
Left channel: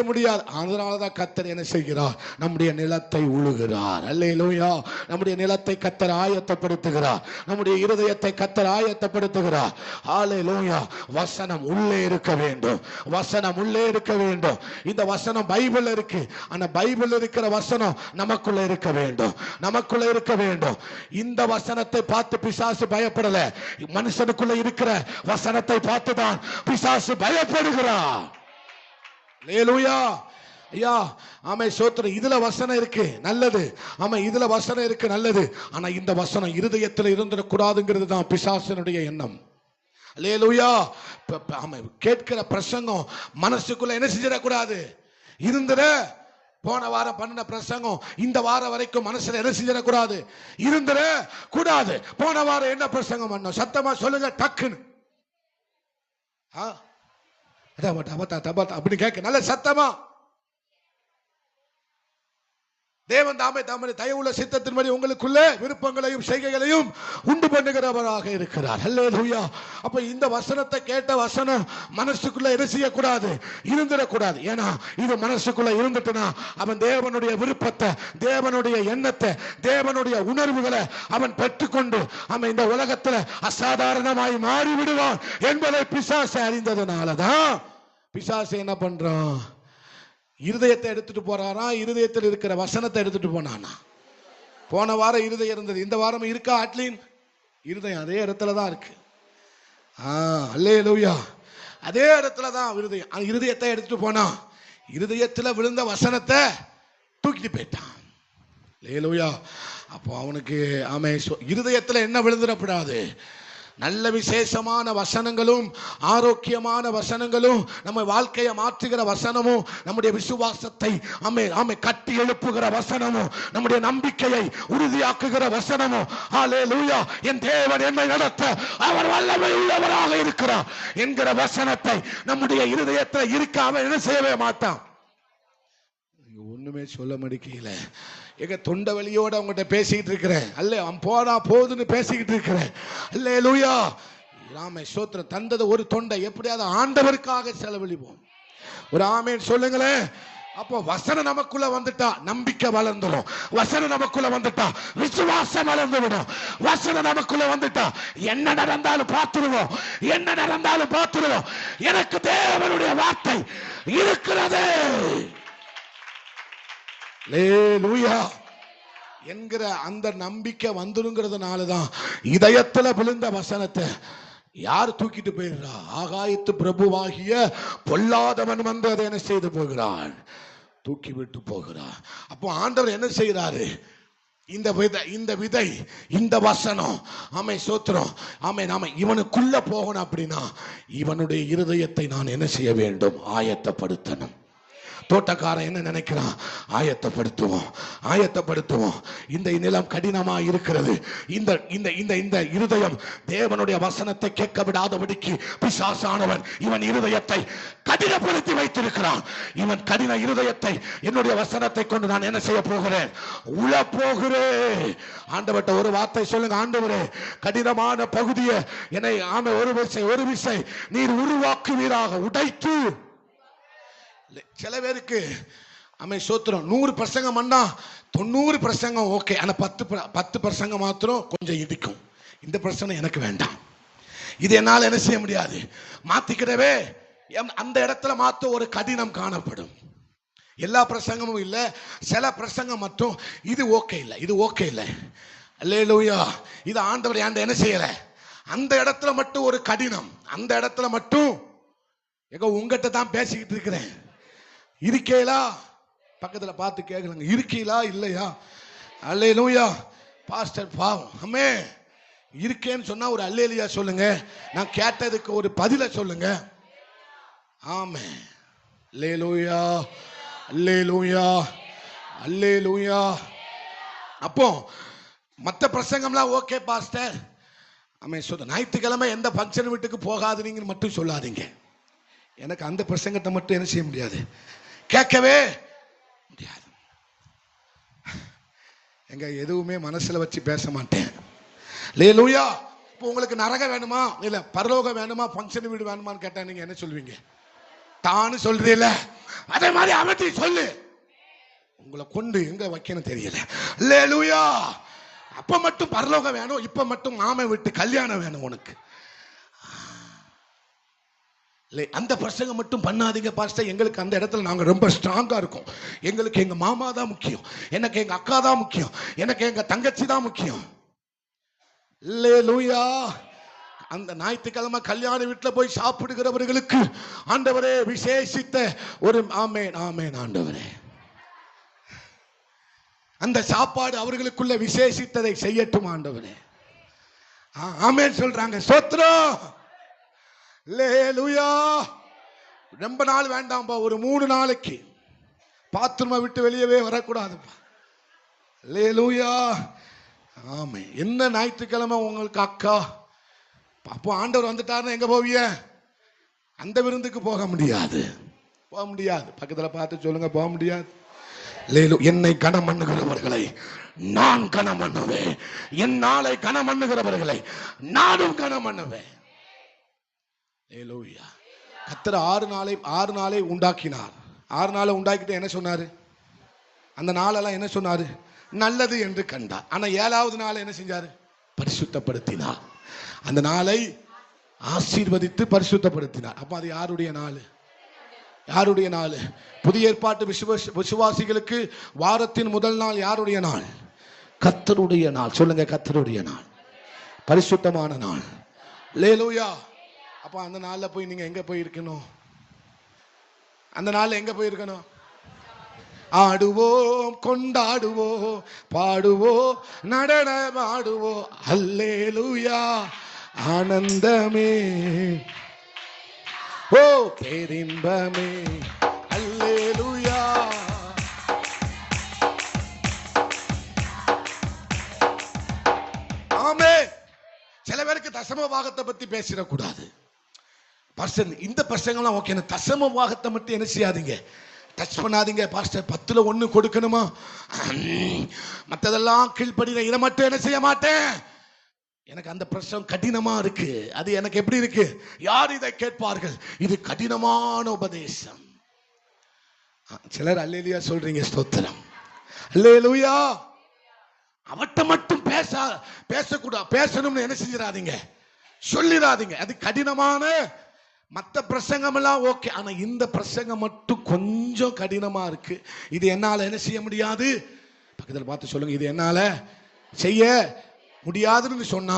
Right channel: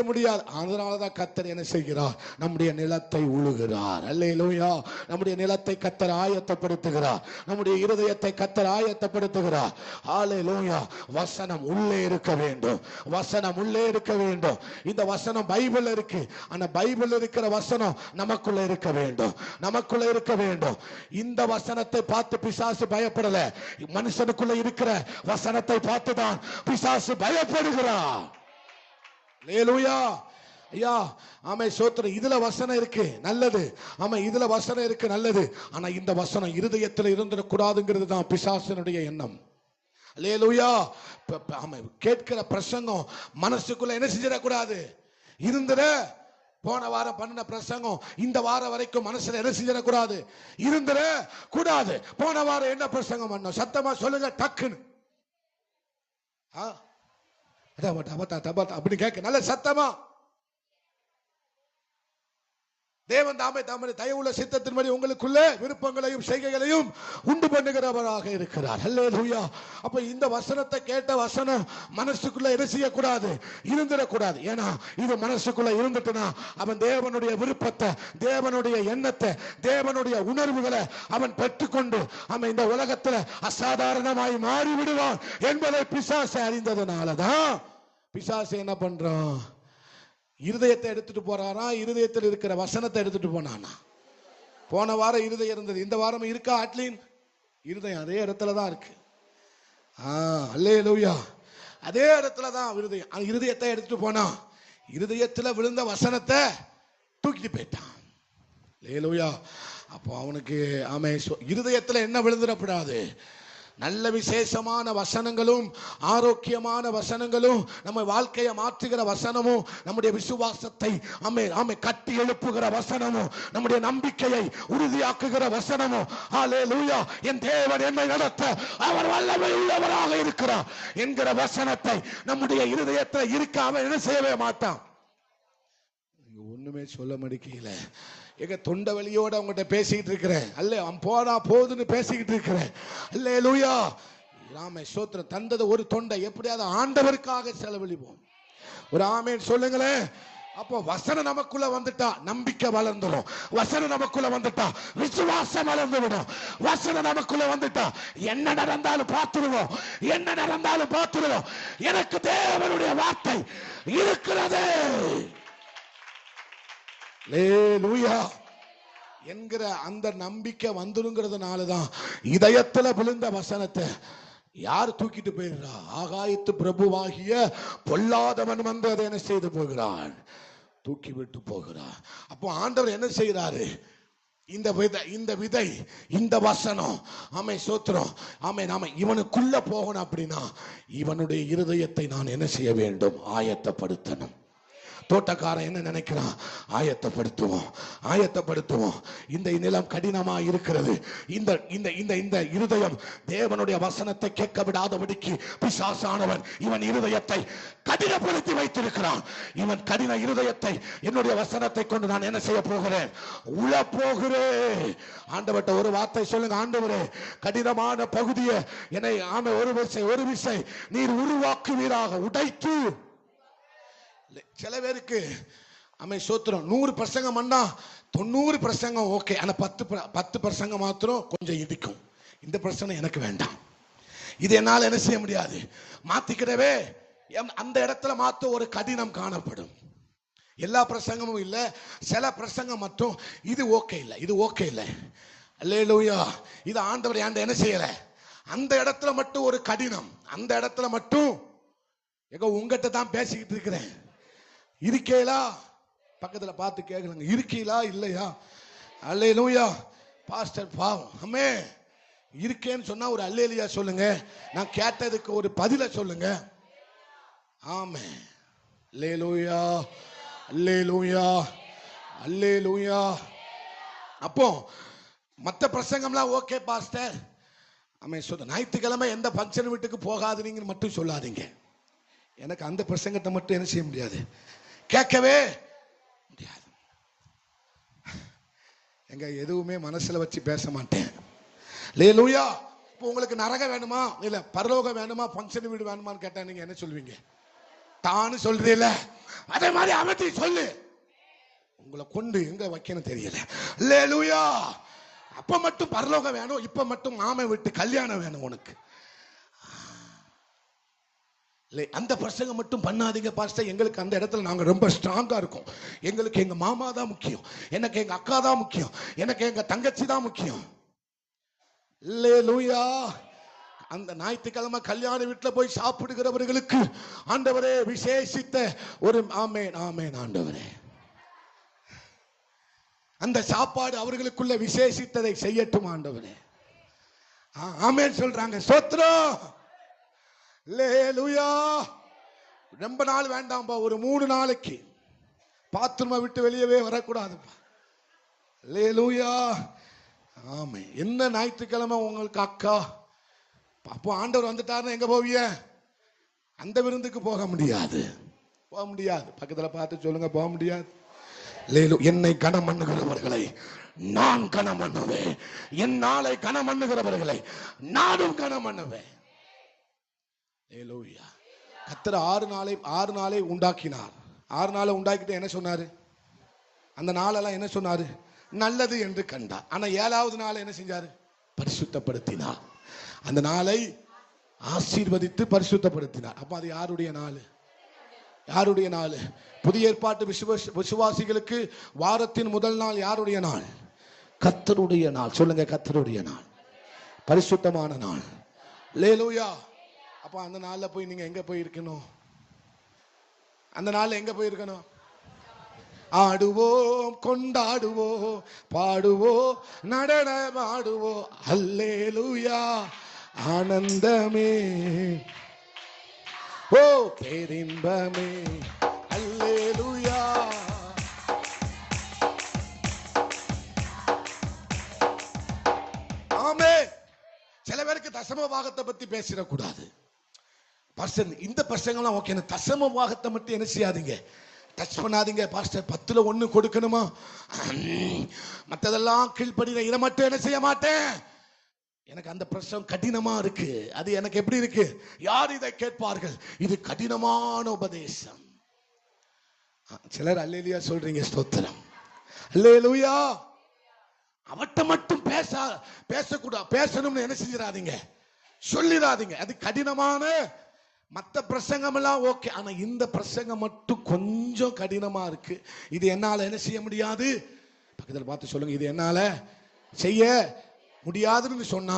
முடியாது. அதனாலதான் கர்த்தர் என்ன செய்கிறார்? நம்முடைய நிலத்தை உழுகிறார். அல்லேலூயா. நம்முடைய நிலத்தை கர்த்தர் ஆயத்தப்படுத்துகிறார். நம்முடைய இருதயத்தை கர்த்தர் ஆயத்தப்படுத்துகிறார். அல்லேலூயா. வசனம் உள்ளே இருக்க வேண்டும். வசனம் உள்ளே இருக்க வேண்டும். இந்த வசனம் பைபிள் இருக்கு. ஆனா பைபிள் இருக்கிற வசனம் நமக்குள்ள இருக்க வேண்டும். நமக்குள்ள இருக்க வேண்டும். இந்த வசனத்தை பார்த்து பிசாசு பயப்படல. மனுஷனுக்குள்ள இருக்கிற வசனத்தை பார்த்துதான் பிசாசு பயப்படுகிறார். அல்லேலூயா. ஐயா ஆமே ஸ்தோத்திரம். இதுல வசனம் இருக்கு, நல்லது. ஆமா, இதுல வசனம் இருக்கு, நல்லது. ஆனா இந்த வசனம் இருதயத்தில் இருந்துடக்கூடாதுங்கிறது தான் பிசாசனுடைய எண்ணம். அல்லேலூயா. ஆமா, கேட்கிற பிரசங்கம் மனசுக்குள்ள என்ன செஞ்சிடக்கூடாது? இருந்துட. போன வாரம் பண்ணின பிரசங்கம் இந்த வாரம் வரைக்கும் மனசுல என்ன செஞ்சிடக்கூடாது? இருந்துட கூடாது. போன வாரம் என்ன பிரசங்கம் பண்ணோம்? சத்தமா சொல்லுங்க டக்குன்னு. அப்படி கேட்க நல்ல சத்தமா. தேவன் தாமே தயவுள்ள சித்தத்தின்படி உங்களுக்குள்ளே விருப்பங்களையும் செய்கைகளையும் உண்டு பண்ணுகிறவராக இருக்கிறார். அல்லேலூயா. அப்ப இந்த வசனத்தை கேட்ட வசனம் மனசுக்குள்ள என்ன செய்யக்கூடாது? இருந்துடக்கூடாது. ஏன்னா இது மனசுக்குள்ள இருந்துட்டுனா அவன் தேவனுடைய விருப்பத்தை, தேவனுடைய எண்ணத்தை, தேவனுடைய உணர்வுகளை அவன் பெற்றுக்கொண்டு அவன் இந்த உலகத்துல அசாதாரணமாய் மாறி விடுவான் என்பதை பிசாசு அறிந்ததுனாலதான் பிசாசு என்ன பண்றான்? இருதயத்தை எடுத்துட்டு போறாரா? இருதயத்தில் இருக்கிற வசனத்தை எடுத்துட்டு போனானா? போன வாரம் இருதயம் இருந்தது, இந்த வாரம் இருக்கா? அட்லீன் இருதயம் அதே இடத்துல தான் இருக்கு. அல்லேலூயா. அதே இடத்துல தான் இருதயத்தை எடுத்துட்டு போனா, இருதயத்துல விழுந்த வசனத்தை தூக்கிட்டு போயிட்டான். அல்லேலூயா. அப்போ அவனுக்கு ஆமே இருதயத்துல என்ன விழுந்துடக்கூடாது? நல்ல விசேஷமான வசனங்களும் ஆரோக்கியமான வசனங்களும் நம்ம வாழ்க்கையை மாற்றுகிற வசனமும் நம்முடைய விசுவாசத்தை கட்டி எழுப்புகிற வசனமும் நம்முடைய நம்பிக்கையை உறுதியாக்குகிற வசனமும் ஹல்லேலூயா, என் தேவன் என்னை நடத்த அவர் வல்லமை உள்ளவராக இருக்கிறார் என்கிற வசனத்தை நம்முடைய இருதயத்தில் இருக்காம என்ன செய்யவே மாட்டான். ஒண்ணுமே சொல்ல முடியல. எங்க தொண்டை வலியோட அவங்ககிட்ட பேசிக்கிட்டு இருக்கிறேன். அல்ல போனா போதுன்னு பேசிக்கிட்டு இருக்கிறேன். அல்லேலூயா. ராமே ஸ்தோத்திரம். தந்தது ஒரு தொண்டை எப்படியாவது ஆண்டவருக்காக செலவழிப்போம். ஒரு ஆமேன் சொல்லுங்களேன். அப்போ வசனம் நமக்குள்ள வந்துட்டா நம்பிக்கை வளர்ந்துடும். வசனம் நமக்குள்ள வந்துட்டா விசுவாசம் வளர்ந்து விடும். வசனம் நமக்குள்ள வந்துட்டா என்ன நடந்தாலும் பார்த்துருவோம். என்ன நடந்தாலும் பார்த்துருவோம். எனக்கு தேவனுடைய வார்த்தை இருக்கிறது என்கிற அந்த நம்பிக்கை வந்துருங்கிறதுனாலதான் இதயத்துல விழுந்த வசனத்தை யார் தூக்கிட்டு போயிடுறா? ஆகாயத்து பிரபுவாகிய பொல்லாதவன் வந்து அதை என்ன செய்து போகிறான்? தூக்கி விட்டு போகிறான். அப்போ ஆண்டவர் என்ன செய்யறாரு? இந்த விதை இந்த வசனம் ஆமை சோத்திரம் ஆமை நாம இவனுக்குள்ள போகணும். அப்படின்னா இவனுடைய இருதயத்தை நான் என்ன செய்ய வேண்டும்? ஆயத்தப்படுத்தணும். தோட்டக்காரன் என்ன நினைக்கிறான்? ஆயத்தப்படுத்துவோம். இந்த நிலம் கடினமா இருக்கிறது. இந்த இருதயம் தேவனுடைய வசனத்தை கேட்க விடாதபடிக்கு பிசாசானவன் இவன் இருதயத்தை கடினப்படுத்தி வைத்திருக்கிறான். இவன் கடின இருதயத்தை என்னுடைய வசனத்தை கொண்டு நான் என்ன செய்ய போகிறேன்? உழ போகிறேன். ஆண்டவர்ட்ட ஒரு வார்த்தை சொல்லுங்க. ஆண்டவரே, கடினமான பகுதியை என்னை ஒரு விசை நீர் உருவாக்குவீராக. உடைத்து சில பேருக்கு சோத்திரம் 100 பிரசங்கம் பண்ணா 90 பிரசங்கம் ஓகே. ஆனா 10 பிரசங்கம் மாத்திரம் கொஞ்சம் இடிக்கும். இந்த பிரச்சனை எனக்கு வேண்டாம். இது என்னால என்ன செய்ய முடியாது? மாத்திக்கிறவே அந்த இடத்துல மாத்த ஒரு கடினம் காணப்படும். எல்லா பிரசங்கமும் இல்லை, சில பிரசங்கம் மட்டும் இது ஓகே இல்லை, இது ஓகே இல்லை. அல்லேலூயா. இது ஆண்டவர் என்ன செய்யல, அந்த இடத்துல மட்டும் ஒரு கடினம், அந்த இடத்துல மட்டும் எங்க உங்ககிட்ட தான் பேசிக்கிட்டு இருக்கிறேன். இருக்கீங்களா? பக்கத்துல பார்த்து கேட்கலங்க, இருக்கீங்களா இல்லையா? அல்லேலூயா. பாஸ்டர் பாவம் அம்மே இருக்கேன்னு சொன்னா ஒரு அல்லேலூயா சொல்லுங்க. நான் கேட்டதுக்கு ஒரு பதில சொல்லுங்க. ஆமே. அல்லேலூயா, அல்லேலூயா, அல்லேலூயா. அப்போ மற்ற பிரசங்கம்லாம் ஓகே பாஸ்டர், ஆமே சொல்ல. ஞாயிற்றுக்கிழமை எந்த ஃபங்க்ஷன் வீட்டுக்கு போகாதீங்கன்னு மட்டும் சொல்லாதீங்க. எனக்கு அந்த பிரசங்கத்தை மட்டும் என்ன செய்ய முடியாது, கேட்கவே முடியாது. எங்க எதுவுமே மனசுல வச்சு பேச மாட்டேன். அல்லேலூயா. இப்போ உங்களுக்கு நரகம் வேணுமா இல்ல பரலோகம் வேணுமா ஃபங்க்ஷன் வீடு வேணுமான்னு கேட்டா நீங்க என்ன சொல்வீங்க? தானு சொல்றீல்ல, அதே மாதிரி அவதி சொல்லு. உங்களை கொண்டு எங்க வைக்கணும் தெரியல. அல்லேலூயா. அப்ப மட்டும் பரலோகம் வேணும், இப்ப மட்டும் மாமன் விட்டு கல்யாணம் வேணும் உனக்கு. அந்த பிரசங்கம் மட்டும் பண்ணாதீங்க பாஸ்டர். எங்களுக்கு அந்த இடத்துல நாங்க ரொம்ப ஸ்ட்ராங்கா இருக்கோம். எங்களுக்கு எங்க மாமா தான் முக்கியம், எனக்கு எங்க அக்கா தான் முக்கியம், எனக்கு எங்க தங்கச்சி தான் முக்கியம். அல்லேலூயா. அந்த ஞாயிற்றுக்கிழமை கல்யாண வீட்டுல போய் சாப்பிடுகிறவர்களுக்கு ஆண்டவரே விசேஷித்த ஒரு ஆமேன் ஆமேன் ஆண்டவரே, அந்த சாப்பாடு அவர்களுக்குள்ள விசேஷித்ததை செய்யட்டும் ஆண்டவரே. ஆமேன் சொல்றாங்க. ஸ்தோத்திரம். அல்லேலூயா. ரொம்ப நாள் வேண்டாம்பா, ஒரு 3 நாளைக்கு பாத்ரூமை விட்டு வெளியவே வரக்கூடாதுப்பா. அல்லேலூயா. ஆமே. என்ன ஞாயிற்றுக்கிழமை உங்களுக்கு அக்கா, அப்போ ஆண்டவர் வந்துட்டாருன்னு எங்க போவிய? அந்த விருந்துக்கு போக முடியாது, போக முடியாது. பக்கத்துல பார்த்து சொல்லுங்க, போக முடியாது. என்னை கனம் பண்ணுகிறவர்களை நான் கனம் பண்ணுவேன், என் நாளை கனம் பண்ணுகிறவர்களை நானும் கனம் பண்ணுவேன். கர்த்தர் 6 நாளை உண்டாக்கினார். 6 நாளை உண்டாக்கிட்டு என்ன சொன்னாரு? அந்த நாளெல்லாம் என்ன சொன்னாரு? நல்லது என்று கண்டார். ஆனா 7வது நாள் என்ன செஞ்சாரு? பரிசுத்தப்படுத்தினார். அந்த நாளை ஆசீர்வதித்து பரிசுத்தப்படுத்தினார். அப்ப அது யாருடைய நாள்? யாருடைய நாள்? புதிய ஏற்பாட்டு விசுவாசிகளுக்கு வாரத்தின் முதல் நாள் யாருடைய நாள்? கர்த்தருடைய நாள். சொல்லுங்க, கர்த்தருடைய நாள், பரிசுத்தமான நாள். அல்லேலூயா. அப்ப அந்த நாள்ல போய் நீங்க எங்க போய் இருக்கணும்? அந்த நாள்ல எங்க போய் இருக்கணும்? ஆடுவோம், கொண்டாடுவோம், பாடுவோம், நடனமாடுவோம். அல்லேலூயா. ஆனந்தமே, ஓ பேரின்பமே. அல்லேலூயா. ஆமே. சில பேருக்கு தசம பாகத்தை பத்தி பேசிடக்கூடாது. இந்த பிரசங்கம்லாம் ஓகே, தசம பாகத்தை மட்டும் என்ன செய்யாதீங்க, டச் பண்ணாதீங்க. பாஸ்டர் 10ல் 1 கொடுக்கணுமா, மற்றதெல்லாம் கீழ்ப்படின, இதை மட்டும் என்ன செய்ய மாட்டேன். எனக்கு அந்த பிரச்சனை கடினமா இருக்கு. அது எனக்கு எப்படி இருக்கு? யார் இதை கேட்பார்கள்? இது கடினமான உபதேசம். சிலர் அல்லேலூயா சொல்றீங்க. ஸ்தோத்திரம். அல்லேலூயா. அவட்ட மட்டும் பேசக்கூடாது, பேசணும்னு என்ன செஞ்சிடாதீங்க, சொல்லிடாதீங்க. அது கடினமான. மற்ற பிரசங்கம் எல்லாம் ஓகே, ஆனா இந்த பிரசங்கம் மட்டும் கொஞ்சம் கடினமா இருக்கு. இது என்னால என்ன செய்ய முடியாது? பக்கத்தில் பார்த்து சொல்லுங்க, இது என்னால செய்ய முடியாதுன்னு சொன்னா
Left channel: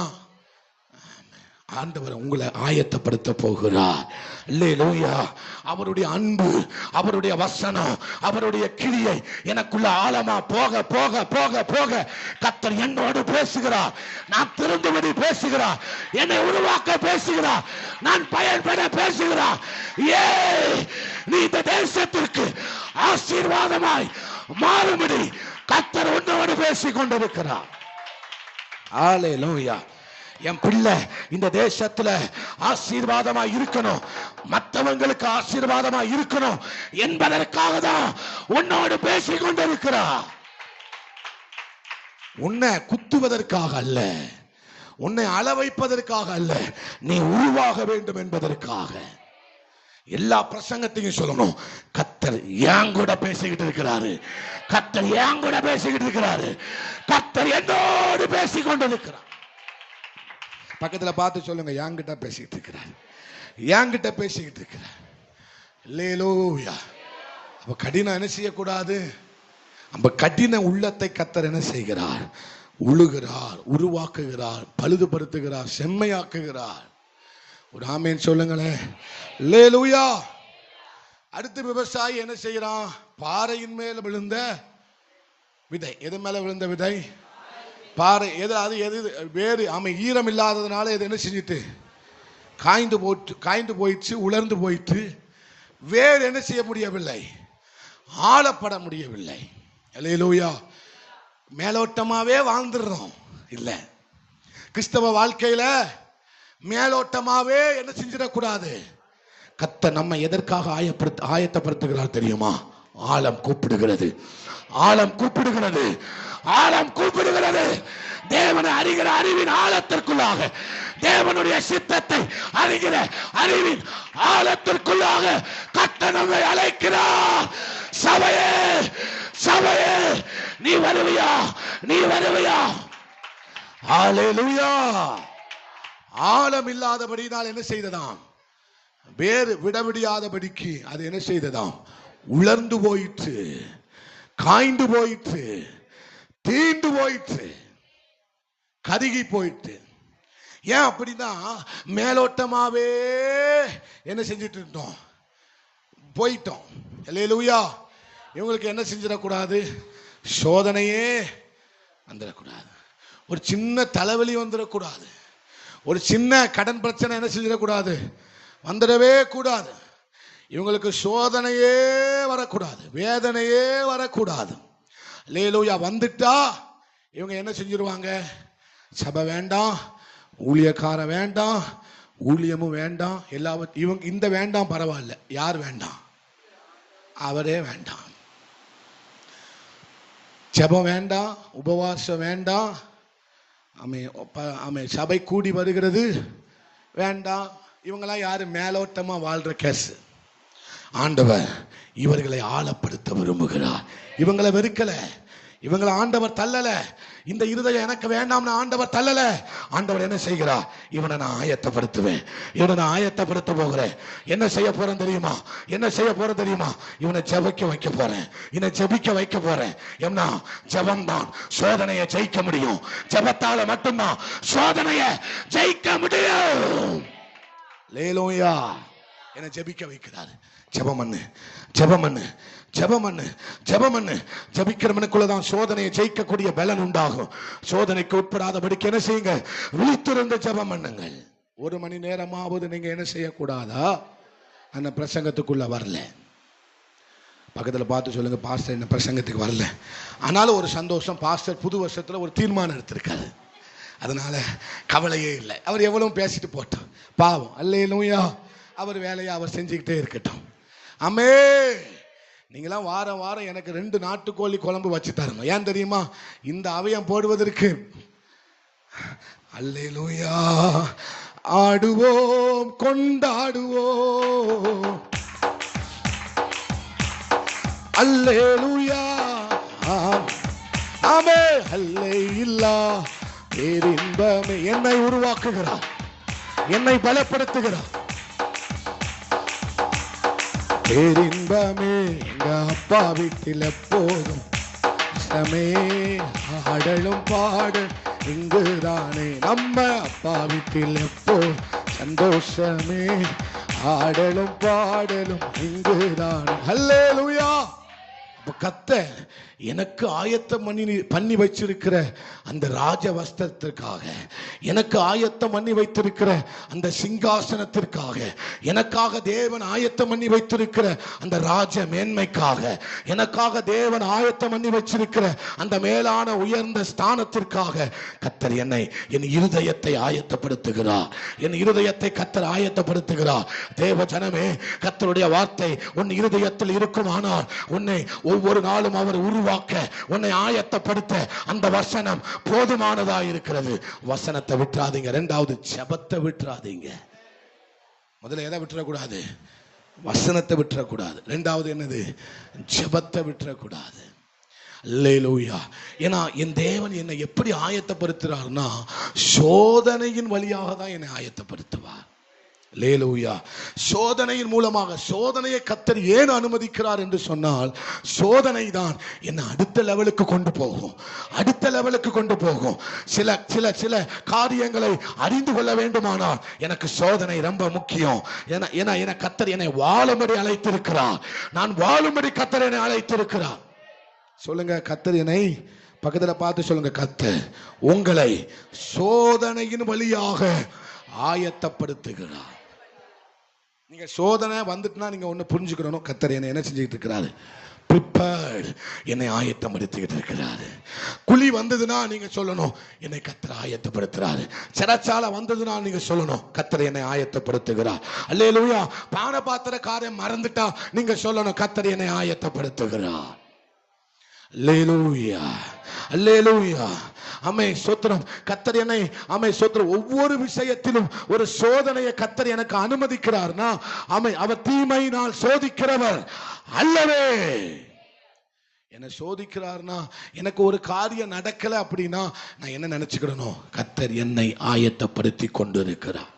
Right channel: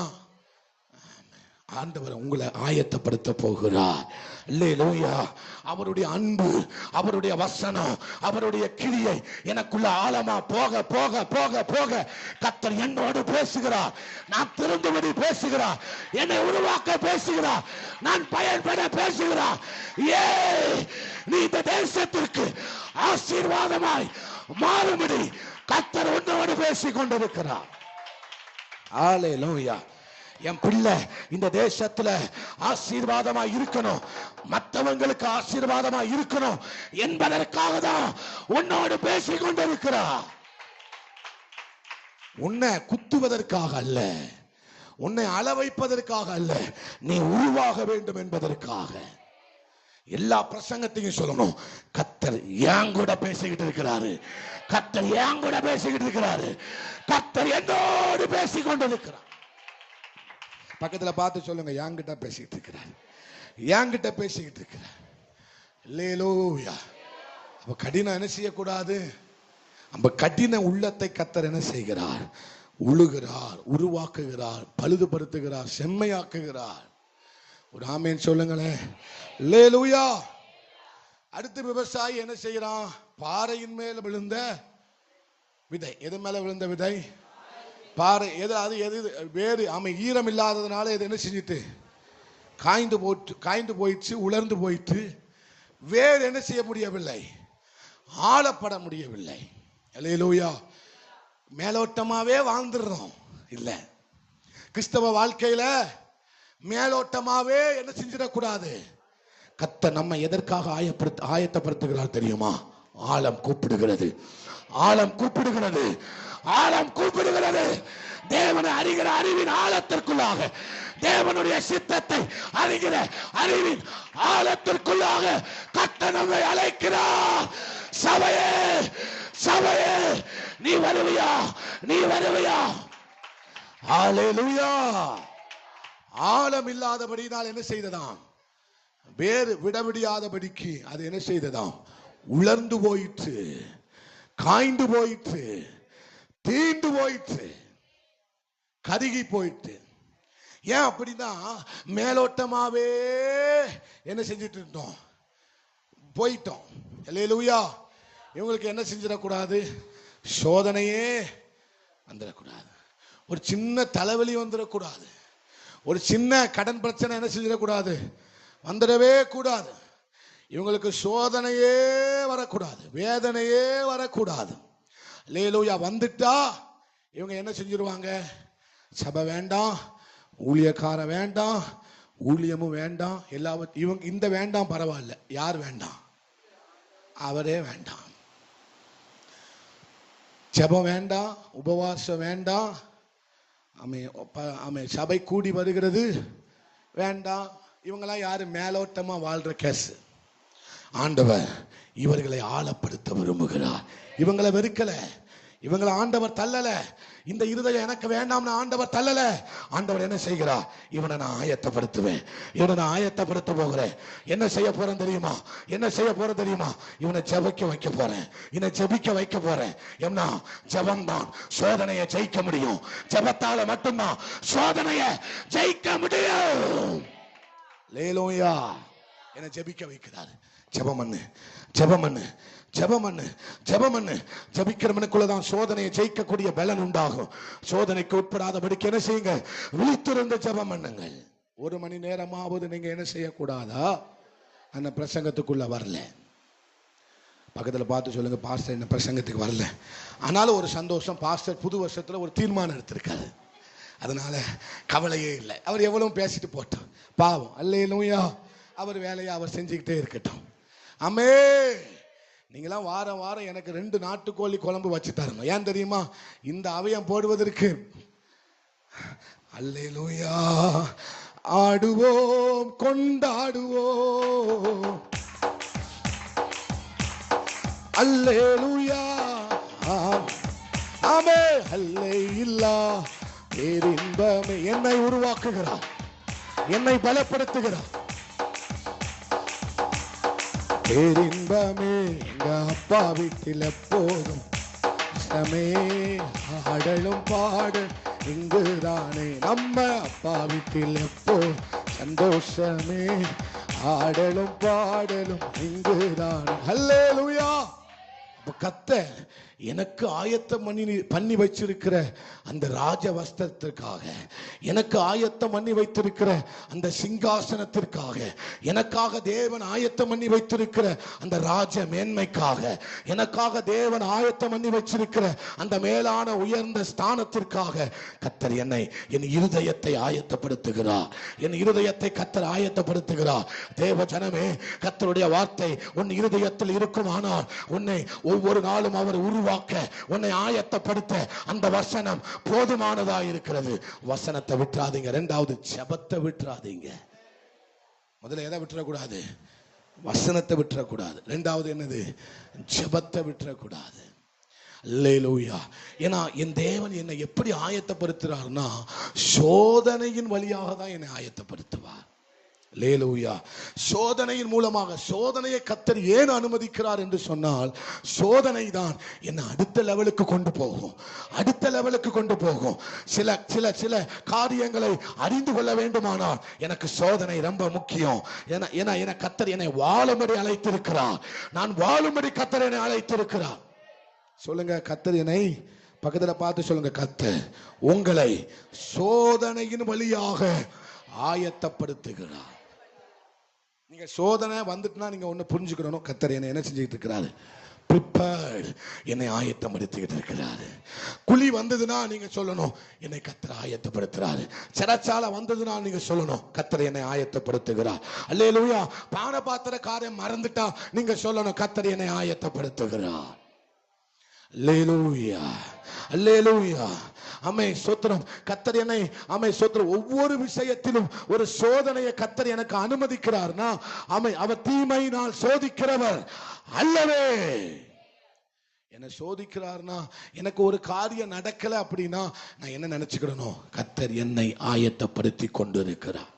ஆண்டவர் உங்களை ஆயத்தப்படுத்த போகிறார். அல்லேலூயா. அவருடைய அன்பு, அவருடைய வசனம், அவருடைய கிரியை எனக்குள்ள ஆழமா போக போக போக போக கர்த்தர் என்னோடு பேசுகிறார். நான் திருந்தும்படி பேசுகிறார், என்னை உருவாக்க பேசுகிறார், நான் பயன்பெற பேசுகிறார். நீ இந்த தேசத்திற்கு ஆசீர்வாதமாய் மாறும்படி கர்த்தர் உன்னோடு பேசிக் கொண்டிருக்கிறார். அல்லேலூயா. என் பிள்ளை இந்த தேசத்துல ஆசீர்வாதமா இருக்கணும், மற்றவங்களுக்கு ஆசீர்வாதமா இருக்கணும் என்பதற்காக தான் உன்னோடு பேசிக் கொண்டிருக்கிறார். உன்னை குத்துவதற்காக அல்ல, உன்னை அள வைப்பதற்காக அல்ல, நீ உருவாக வேண்டும் என்பதற்காக. எல்லா பிரசங்கத்தையும் சொல்லணும், கர்த்தர் என் கூட பேசிக்கிட்டு இருக்கிறாரு, கர்த்தர் என் கூட பேசிக்கிட்டு இருக்கிறாரு, கர்த்தர் என்னோடு பேசிக் கொண்டிருக்கிறார். பக்கத்துல பார்த்து சொல்லுங்க, என்கிட்ட பேசிக்கிட்டு இருக்கிறார், என்கிட்ட பேசிக்கிட்டு இருக்கிறார். அல்லேலூயா. அப்ப கடினம் என்ன செய்யக்கூடாது? நம்ம கடின உள்ளத்தை கர்த்தர் என்ன செய்கிறார்? உழுகிறார், உருவாக்குகிறார், பழுதுபடுத்துகிறார், செம்மையாக்குகிறார். ஒரு ஆமேன் சொல்லுங்களேன். அல்லேலூயா. அடுத்து விவசாயி என்ன செய்யறான்? பாறையின் மேல விழுந்த விதை. எது மேல விழுந்த விதை? பாறை. எது வேறு ஈரம் இல்லாததுனால இது என்ன செஞ்சிட்டு காய்ந்து போயிடுச்சு, உலர்ந்து போயிட்டு. வேறு என்ன செய்ய முடியவில்லை? ஆளப்பட முடியவில்லை. அல்லேலூயா. மேலோட்டமாவே வாழ்ந்துடுறோம். இல்ல, கிறிஸ்தவ வாழ்க்கையில மேலோட்டமாவே என்ன செஞ்சிடக்கூடாது. கர்த்தர் நம்ம எதற்காக ஆயத்தப்படுத்துகிறார் தெரியுமா? ஆழம் கூப்பிடுகிறது, ஆழம் கூப்பிடுகிறது, ஆழம் கூப்பிடுகிறது. தேவனை அறிகிற அறிவின் ஆழத்திற்குள்ளாக, தேவனுடைய சித்தத்தை அறிகிற அறிவின் ஆழத்திற்குள்ளாக கர்த்தர் நம்மை அழைக்கிறார். சபையே, சபையே, நீ வருவியா? நீ வருவியா? ஹல்லேலூயா. ஆழம் இல்லாதபடினால் என்ன செய்ததாம்? வேறு விடவிடியாதபடிக்கு அது என்ன செய்ததாம்? உலர்ந்து போயிற்று, காய்ந்து போயிற்று, தீண்டு போயிற்று, கருகி போயிற்று. ஏன் அப்படின்னா, மேலோட்டமாவே என்ன செஞ்சிட்டு இருந்தோம்? போயிட்டோம். அல்லேலூயா. இவங்களுக்கு என்ன செஞ்சிடக்கூடாது? சோதனையே வந்துடக்கூடாது, ஒரு சின்ன தலைவலி வந்துடக்கூடாது, ஒரு சின்ன கடன் பிரச்சனை என்ன செஞ்சிடக்கூடாது? வந்துடவே கூடாது. இவங்களுக்கு சோதனையே வரக்கூடாது, வேதனையே வரக்கூடாது. அல்லேலூயா. வந்துட்டா இவங்க என்ன செஞ்சிருவாங்க? சபை வேண்டாம், ஊழியக்கார வேண்டாம், ஊழியமும் வேண்டாம், எல்லாவற்றையும் இவங்க இந்த வேண்டாம் பரவாயில்ல. யார் வேண்டாம்? அவரே வேண்டாம். ஜெபம் வேண்டாம், உபவாசம் வேண்டாம், சபை கூடி வருகிறது வேண்டாம். இவங்கெல்லாம் யாரு? மேலோட்டமா வாழ்ற கேஸ். ஆண்டவர் இவர்களை ஆழப்படுத்த விரும்புகிறார். இவங்களை வெறுக்கல, இவங்களை ஆண்டவர் தள்ளல. இந்த இருதயம் எனக்கு வேண்டாம்னு ஆண்டவர் தள்ளல. ஆண்டவர் என்ன செய்கிறார்? இவனை நான் ஆயத்தப்படுத்துவேன், இவனை நான் ஆயத்தப்படுத்த போகிறேன். என்ன செய்ய போறேன் தெரியுமா? என்ன செய்ய போறேன் தெரியுமா? இவனை ஜெபிக்க வைக்க போறேன், இவனை ஜெபிக்க வைக்க போறேன். என்ன? ஜெபம் தான் சோதனையை ஜெயிக்க முடியும். ஜெபத்தால மட்டும்தான் சோதனையை ஜெயிக்க முடியும். அல்லேலூயா. என்ன ஜெபிக்க வைக்கிறார். ஜெபம் பண்ணு, ஜெபம் பண்ணு, ஜெபம் பண்ணு, ஜெபம் பண்ணு. ஜெபிக்கிறவனுக்குள்ளதான் சோதனையை ஜெயிக்கக்கூடிய பலன் உண்டாகும். சோதனைக்கு உட்படாதபடிக்கு என்ன செய்யுங்க? விழித்திருந்த ஜெபம் பண்ணுங்கள். 1 மணி நேரமாவது நீங்க என்ன செய்யக்கூடாதா? அந்த பிரசங்கத்துக்குள்ள வரல. பக்கத்துல பார்த்து சொல்லுங்க, பாஸ்டர் என்ன பிரசங்கத்துக்கு வரல. ஆனாலும் ஒரு சந்தோஷம், பாஸ்டர் புது வருஷத்துல ஒரு தீர்மானம் எடுத்திருக்காரு. அதனால கவலையே இல்லை. அவர் எவ்வளவு பேசிட்டு போட்டோம், பாவம். அல்லேலூயா. அவர் வேலையை அவர் செஞ்சுக்கிட்டே இருக்கட்டும். ஆமே. நீங்களாம் வாரம் வாரம் எனக்கு 2 நாட்டுக்கோழி குழம்பு வச்சு தரணும். ஏன் தெரியுமா? இந்த அவயம் போடுவதற்கு. அல்லேலூயா. ஆடுவோம், கொண்டாடுவோம். அல்லேலூயா. ஆமே. அல்லேலூயா. பேரின்பமே என்னை உருவாக்குகிறார், என்னை பலப்படுத்துகிறார். பேரின்பமே எங்க அப்பா வீட்டில் எப்போதும் ஆடலும் பாடு இங்குதானே. நம்ம அப்பா வீட்டில் எப்போ சந்தோஷமே, ஆடலும் பாடலும் இங்குதானே. அல்லேலூயா. கர்த்தர் எனக்கு ஆயத்தம் பண்ணி வச்சிருக்கிற அந்த ராஜ வஸ்திரத்திற்காக, எனக்கு ஆயத்தம் பண்ணி வைத்திருக்கிற அந்த சிங்காசனத்திற்காக, எனக்காக தேவன் ஆயத்தம் பண்ணி வைத்திருக்கிற அந்த ராஜ மேன்மைக்காக, எனக்காக தேவன் ஆயத்தம் பண்ணி வச்சிருக்கிற அந்த மேலான உயர்ந்த ஸ்தானத்திற்காக கர்த்தர் என்னை, என் இருதயத்தை ஆயத்தப்படுத்துகிறார். என் இருதயத்தை கர்த்தர் ஆயத்தப்படுத்துகிறார். தேவ ஜனமே, கர்த்தருடைய வார்த்தை உன் இருதயத்தில் இருக்குமானால் உன்னை ஒவ்வொரு நாளும் அவர் உருவாக்க, உன்னை ஆயத்தப்படுத்த அந்த வசனம் போதுமானதா இருக்கிறது. வசனத்தை விட்டுறாதீங்க. 2வது ஜெபத்தை விட்டுறாதீங்க. முதல்ல எதை விட்டுறக்கூடாது? வசனத்தை விட்டுறக்கூடாது. 2வது என்னது? ஜெபத்தை விட்டுறக்கூடாது. அல்லேலூயா. ஏன்னா என் தேவன் என்னை எப்படி ஆயத்தப்படுத்துறார்னா, சோதனையின் வழியாக தான் என்னை ஆயத்தப்படுத்துவார். அல்லேலூயா. சோதனையின் மூலமாக, சோதனையை கர்த்தர் ஏன் அனுமதிக்கிறார் என்று சொன்னால், சோதனை தான் என்னை அடுத்த லெவலுக்கு கொண்டு போகும், அடுத்த லெவலுக்கு கொண்டு போகும். சில சில சில காரியங்களை அறிந்து கொள்ள வேண்டுமானால் எனக்கு சோதனை ரொம்ப முக்கியம். ஏன்னா கர்த்தர் என்னை வாழும்படி அழைத்திருக்கிறார். நான் வாழும்படி கர்த்தர் என்னை அழைத்திருக்கிறார். சொல்லுங்க, கர்த்தர் என்னை பக்கத்துல பார்த்து சொல்லுங்க, கர்த்தர் உங்களை சோதனையின் வழியாக ஆயத்தப்படுத்துகிறார். நீங்க சோதனை வந்துட்டுனா நீங்க ஒண்ணு புரிஞ்சுக்கணும், கர்த்தர் என்ன செஞ்சுக்கிட்டு இருக்கிறாரு? ப்ரிப்பேர்ட், என்னை ஆயத்தப்படுத்திக்கிட்டு இருக்கிறாரு. குழி வந்ததுன்னா நீங்க சொல்லணும், என்னை கர்த்தர் ஆயத்தப்படுத்துறாரு. சிறைச்சாலை வந்ததுன்னா நீங்க சொல்லணும், கர்த்தர் என்னை ஆயத்தப்படுத்துகிறார். அல்லேலூயா. பான பாத்திர காரியம் மறந்துட்டா நீங்க சொல்லணும், கர்த்தர் என்னை ஆயத்தப்படுத்துகிறார். அல்லேலூயா, அல்லேலூயா. ஆமென், ஸ்தோத்திரம். கர்த்தர் என்னை, ஆமென், ஸ்தோத்திரம், ஒவ்வொரு விஷயத்திலும் ஒரு சோதனையை கர்த்தர் எனக்கு அனுமதிக்கிறார்னா, ஆமென், அவர் தீமையினால் சோதிக்கிறவர் அல்லவே. என்ன சோதிக்கிறார்னா, எனக்கு ஒரு காரியம் நடக்கல அப்படின்னா நான் என்ன நினைச்சுக்கிறேனோ, கர்த்தர் என்னை ஆயத்தப்படுத்தி கொண்டு இருக்கிறார்.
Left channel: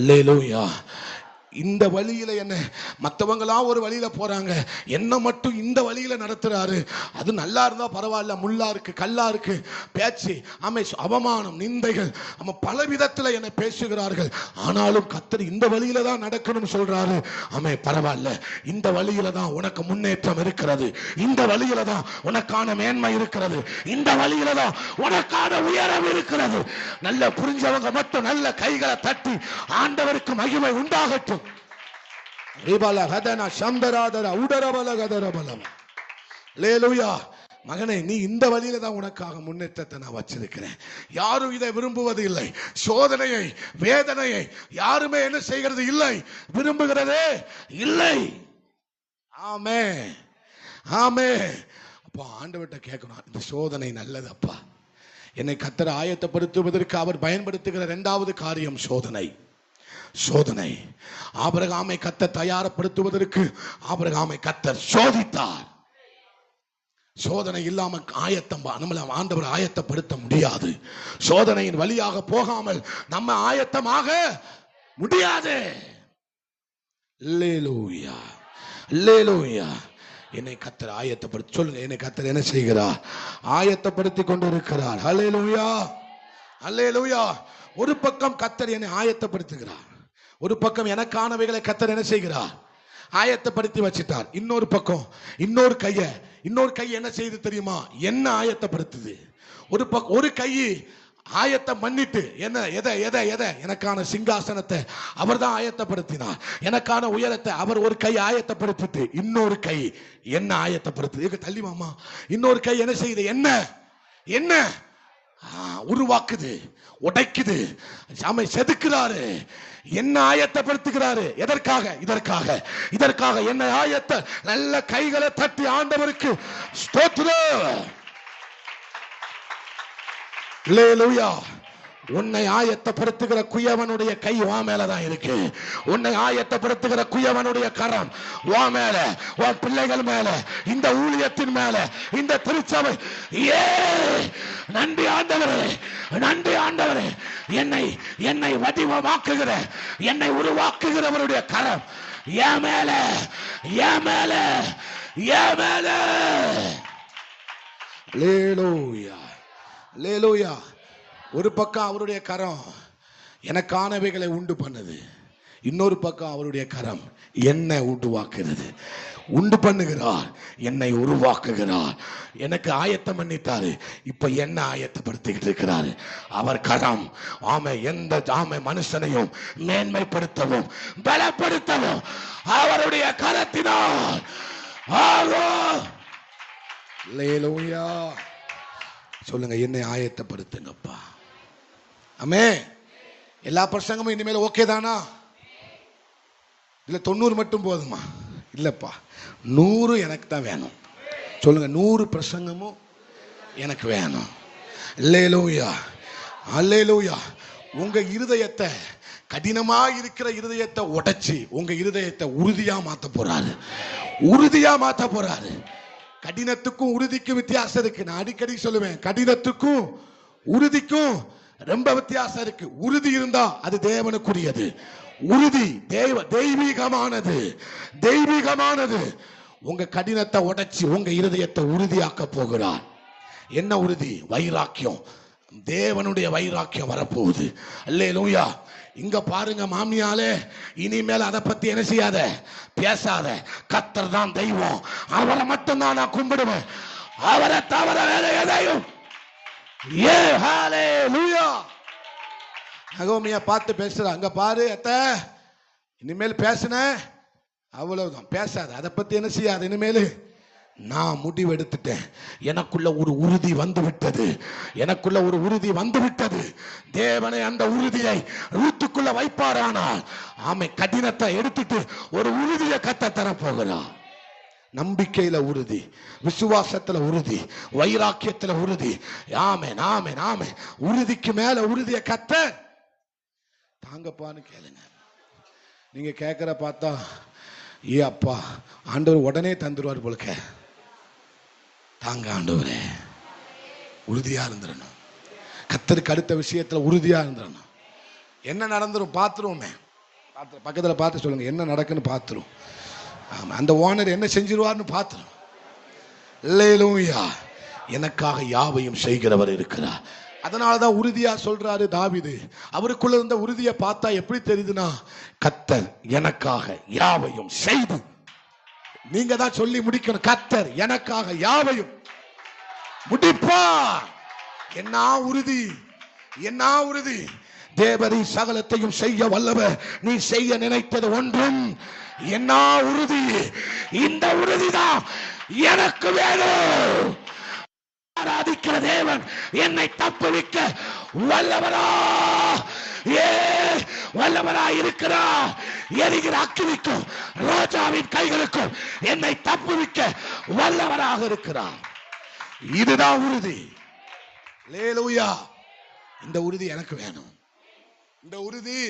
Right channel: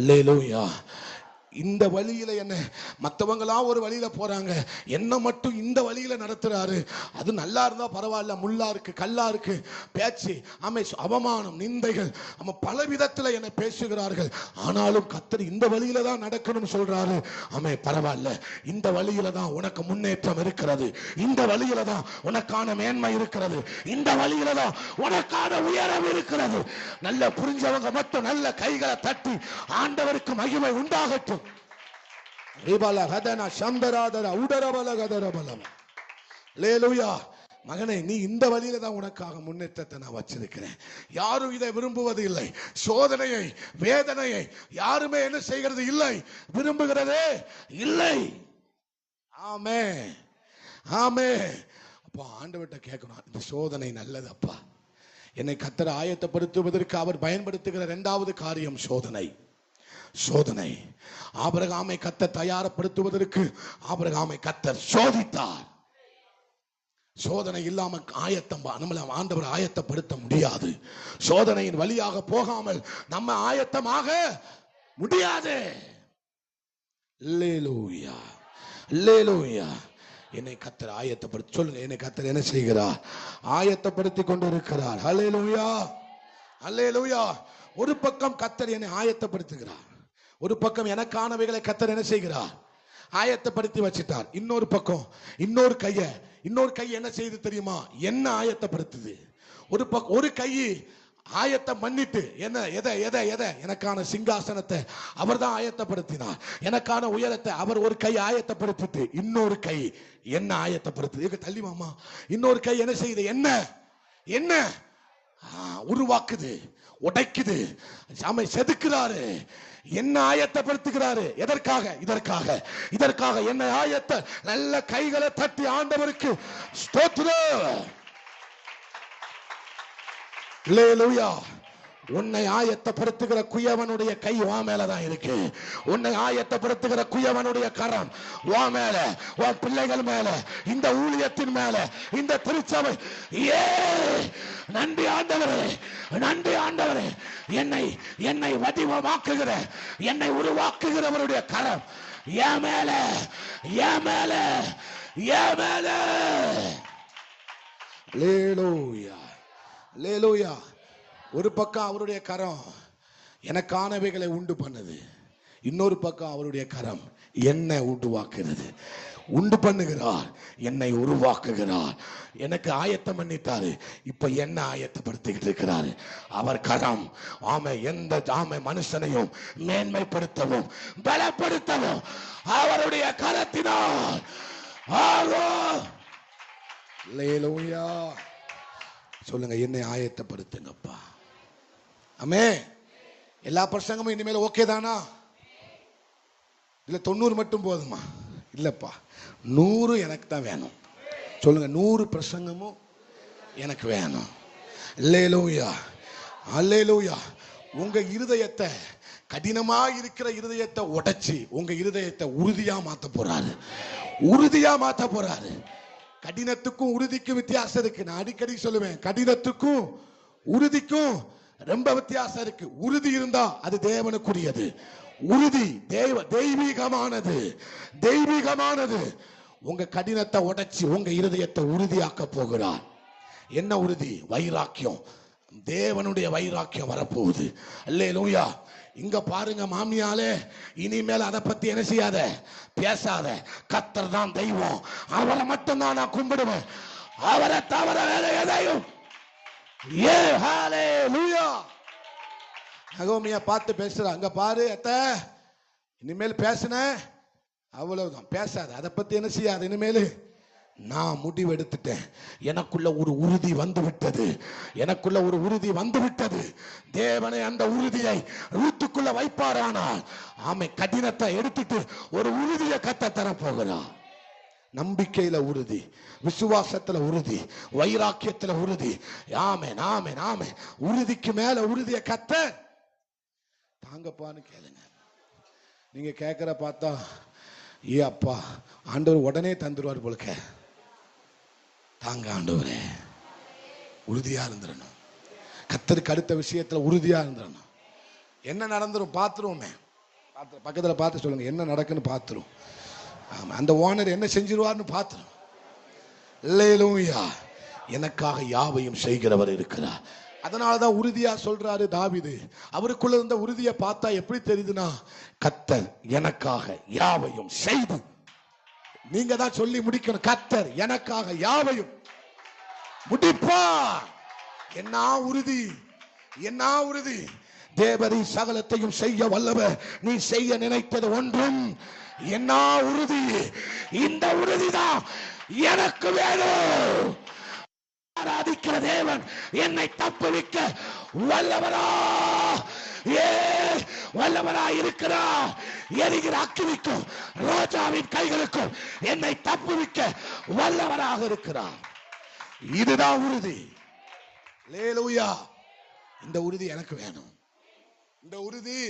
அல்லேலூயா. இந்த வழியில என்ன, மற்றவங்களா ஒரு வழியில போறாங்க, என்ன மட்டும் இந்த வழியில நடத்துறாரு. அது நல்லா இருந்தா பரவாயில்ல, முள்ளா இருக்கு, கல்லா இருக்கு, பேச்சு, அவமானம், நிந்தைகள், பல விதத்துல என்னை பேசுகிறார்கள். ஆனாலும் கர்த்தர் இந்த வழியில தான் நடக்கணும் சொல்றாரு. பரவாயில்ல, இந்த வழியில தான் உனக்கு முன்னேற்றம் இருக்கிறது, இந்த வழியில தான் உனக்கான மேன்மை இருக்கிறது, இந்த வழியில தான் உனக்கான உயரம் இருக்கிறது. நல்ல புரிஞ்சவங்க மட்டும் நல்ல கைகளை தட்டி ஆண்டவருக்கு மகிமை உண்டாகட்டும். மகனே, நீ இந்த வழியில தான் உனக்காக முன்னேற்றத்தை நான் வச்சிருக்கிறேன். யாரும் இதை விரும்புவது இல்லை. சோதனையை, வேதனையை யாருமே என்ன செய்கிறது இல்லை, விரும்புகிறதே இல்லை. ஆமே, ஆமே. அப்பா, ஆண்டவர்கிட்ட கேட்கணும், இந்த சோதனை நல்லது அப்பா. என்னை கர்த்தர் ஆயத்தப்படுத்துவதற்கு அவர் பயன்படுத்துகிற இரண்டாவது காரியம் சோதனை. சோதனை. ஆபிரகாமை கர்த்தர் தயாரப்படுத்துவதற்கு ஆபிரகாமை கர்த்தர் சோதித்தார். சோதனை இல்லாம நம்மளை ஆண்டவர் ஆயத்தப்படுத்த முடியாது. சோதனையின் வழியாக போகாமல் நம்ம ஆயத்தமாக முடியாது. அல்லேலூயா, அல்லேலூயா. என்னை கர்த்தர் ஆயத்தப்படுத்தி, சொல்லுங்க, என்னை கர்த்தர் என்ன செய்கிறார்? ஆயத்தப்படுத்தி கொண்டிருக்கிறார். அல்லேலூயா, அல்லேலூயா. ஒரு பக்கம் கர்த்தர் என்னை ஆயத்தப்படுத்துகிறார், ஒரு பக்கம் எனக்கானவைகளை கர்த்தர் என்ன செய்கிறார்? ஆயத்தப்படுத்தி வச்சிட்டார். இன்னொரு பக்கம் இன்னொரு கை என்ன செய்து தெரியுமா? என்ன ஆயத்தப்படுத்துது. ஒரு கை ஆயத்தம் பண்ணிட்டு என்ன, எதை எனக்கான சிங்காசனத்தை அவர் தான் ஆயத்தப்படுத்தினார், எனக்கான உயரத்தை அவர் ஒரு கை ஆயத்தப்படுத்திட்டு இன்னொரு கை என்ன ஆயத்தப்படுத்துது. தள்ளி மாமா. இன்னொரு கை என்ன செய்யுது? என்ன உருவாக்குது, உடைக்குது, செதுக்குறாரு, என்ன ஆயத்தப்படுத்துகிறாரு. எதற்காக? இதற்காக என்ன ஆயத்த. நல்ல கைகளை தட்டி ஆண்டவருக்கு ஸ்தோத்திரம். அல்லேலூயா. உன்னை ஆயத்தப்படுத்துகிற குயவனுடைய கை வா மேலதான் இருக்கு. உன்னை ஆயத்தப்படுத்துகிற குயவனுடைய கரம் வா மேல, உன் பிள்ளைகள் மேல, இந்த ஊழியத்தின் மேல, இந்த திருச்சபை. நன்றி ஆண்டவரே, நன்றி ஆண்டவரே. என்னை வடிவமாக்குகிற, என்னை உருவாக்குகிறவருடைய கரம் என் மேல, என் மேல, என் மேல. அல்லேலூயா, அல்லேலூயா. ஒரு பக்கம் அவருடைய கரம் எனக்கானவைகளை உண்டு பண்ணுது, இன்னொரு பக்கம் அவருடைய கரம் என்னை உருவாக்குகிறது, உண்டு பண்ணுகிறார், என்னை உருவாக்குகிறார். எனக்கு ஆயத்தம் பண்ணிட்டாரு, இப்ப என்ன ஆயத்தப்படுத்திக்கிட்டு இருக்கிறாரு. அவர் கரம் எந்த மனுஷனையும் மேன்மைப்படுத்தவும் பலப்படுத்தவும் அவருடைய கரத்தினால். அல்லேலூயா. சொல்லுங்க, என்னை ஆயத்தப்படுத்துங்கப்பா. ஆமே. எல்லா பிரசங்கமும் இனிமேல் ஓகே தானா? இல்ல 90 மட்டும் போதுமா? இல்லப்பா, 100 எனக்கு தான் வேணும். சொல்லுங்க, 100 பிரசங்கமும் எனக்கு வேணும். அல்லேலூயா, அல்லேலூயா. உங்க இருதயத்தை, கடினமா இருக்கிற இருதயத்தை உடைச்சு உங்க இருதயத்தை உறுதியா மாத்த போறாரு, உறுதியா மாத்த போறாரு. கடினத்துக்கும் உறுதிக்கும் வித்தியாசம் இருக்கு. நான் அடிக்கடி சொல்லுவேன், கடினத்துக்கும் உறுதிக்கும் ரொம்ப வித்தியாசம் இருக்கு. உறுதி இருந்தா அது தேவனுக்குரியது, உறுதி தெய்வீகமானது. தெய்வீகமானது. உங்க கடினத்தை உடைச்சி உங்க இருதயத்தை உறுதியாக்க போகிறார். என்ன உறுதி? வைராக்கியம். தேவனுடைய வைராக்கியம் வரப்போகுது. அல்லேலூயா. இங்க பாருங்க மாமியாலே, இனிமேல் அதை பத்தி என்ன செய்யாத, பேசாத. கர்த்தர் தான் தெய்வம், அவரை மட்டும் தான் நான் கும்பிடுவேன், அவரை தவிர வேற எதையும். ஏ ஹalleluya. நகோமியா பார்த்து பேசுற, அங்க பாரு அத்தை, இனிமேல் பேசுன அவ்வளவுதான், பேசாத, அதை பத்தி என்ன செய்யாது. இனிமேல் நான் முடிவு எடுத்துட்டேன். எனக்குள்ள ஒரு உறுதி வந்து விட்டது. எனக்குள்ள ஒரு உறுதி வந்து விட்டது. தேவனை அந்த உறுதியை ரூத்துக்குள்ள வைப்பாரானால் ஆமை கடினத்தை எடுத்துட்டு ஒரு உறுதியை கத்த தர போகிறார். நம்பிக்கையில உறுதி, விசுவாசத்துல உறுதி, வைராக்கியத்துல உறுதி. ஆமென் ஆமென் ஆமென். உறுதிக்கு மேல உறுதியை கத்த தாங்கப்பான்னு கேளுங்க. நீங்க கேட்கிற பார்த்தா ஏ அப்பா ஆண்டவர் உடனே தந்துருவார் போலக்க. தாங்க ஆண்டவரே, உறுதியா இருந்துடணும். கர்த்தருக்கு அடுத்த விஷயத்துல உறுதியா இருந்துடணும். என்ன நடந்துரும் பார்த்துருவோமே. பக்கத்துல பார்த்து சொல்லுங்க, என்ன நடக்குன்னு பார்த்துரும். அந்த ஓனர் என்ன செஞ்சிருவார்னு பார்த்துரும். அல்லேலூயா. எனக்காக யாவையும் செய்கிறவர் இருக்கிறார். அதனாலதான் உறுதியா சொல்றாரு தாவீது. அவருக்குள்ள இருந்த உறுதியை பார்த்தா எப்படி தெரியுதுன்னா, கர்த்தர் எனக்காக யாவையும் செய்து. நீங்க தான் சொல்லி முடிக்கணும், கர்த்தர் எனக்காக யாவையும் முடிப்பா. என்ன உறுதி, என்ன உறுதி. தேவரி சகலத்தையும் செய்ய வல்லவர், நீ செய்ய நினைத்தது ஒன்றும். என்ன உறுதி. இந்த உறுதிதான் எனக்கு வேணும். ஆராதிக்கிற தேவன் என்னை தப்புவிக்க வல்லவரா, வல்லவரா இருக்கிறார். எரிகிற அக்கினிக்கும் ரோஜாவின் கைகளுக்கும் என்னை தப்புவிக்க வல்லவராக இருக்கிறார். இதுதான் உறுதி. அல்லேலூயா. இந்த உறுதி எனக்கு வேணும். இந்த உறுதி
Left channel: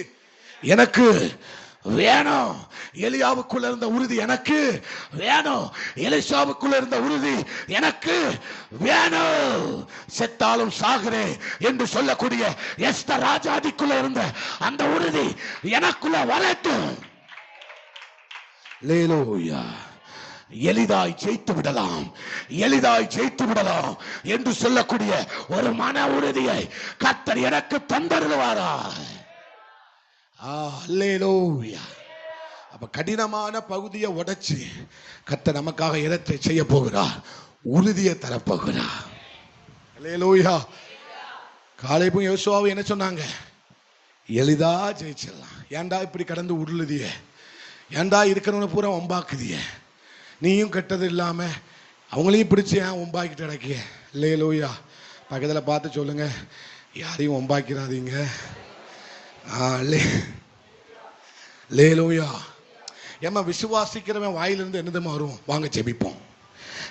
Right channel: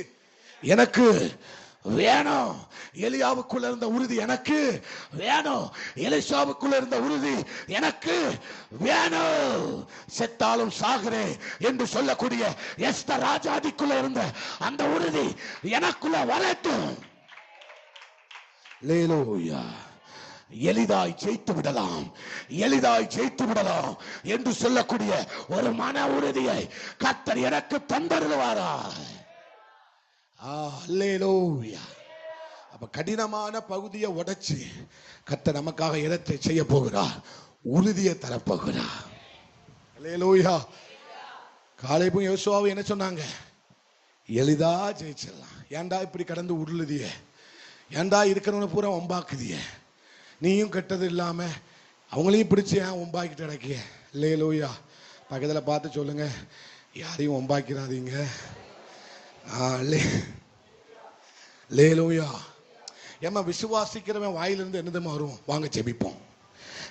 எனக்கு வேணும். எலியாவுக்குள்ள இருந்த உறுதி எனக்கு வேணும். எலிசாவுக்குள்ள இருந்த உறுதி எனக்கு வேணும். செத்தாலும் சாகிறேன் என்று சொல்லக்கூடிய எஸ்தர் ராஜாதிக்குள்ள இருந்த அந்த உறுதி எனக்குள்ள வரட்டும். அல்லேலூயா. எளிதாய் ஜெயித்து விடலாம், எளிதாய் ஜெயித்து விடலாம் என்று சொல்லக்கூடிய ஒரு மன உறுதியை கர்த்தர் எனக்கு தந்தருவாரா. அல்லேலூயா. அப்ப கடினமான பகுதியை உடைச்சு கர்த்தர் நமக்காக இடத்தை செய்ய போகிறார், உறுதியை தரப்போகிறார். அல்லேலூயா. காலேபும் யோசுவாவும் என்ன சொன்னாங்க? எளிதா ஜெயிச்சிடலாம். ஏண்டா இப்படி கடந்து உருளுதிய, ஏண்டா இருக்கிறவன பூரா ஒம்பாக்குதிய, நீயும் கெட்டது இல்லாம அவங்களையும் பிடிச்சி ஏன் ஒம்பாக்கிட்டு கிடக்கிய. அல்லேலூயா. பக்கத்தில் பார்த்து சொல்லுங்க, யாரையும் ஒம்பாக்கிறாதீங்க. அல்லேலூயா. ஏமா விசுவாசிக்கிறவன் வாயிலிருந்து என்னதுமா வரும்? வாங்க ஜெபிப்போம்.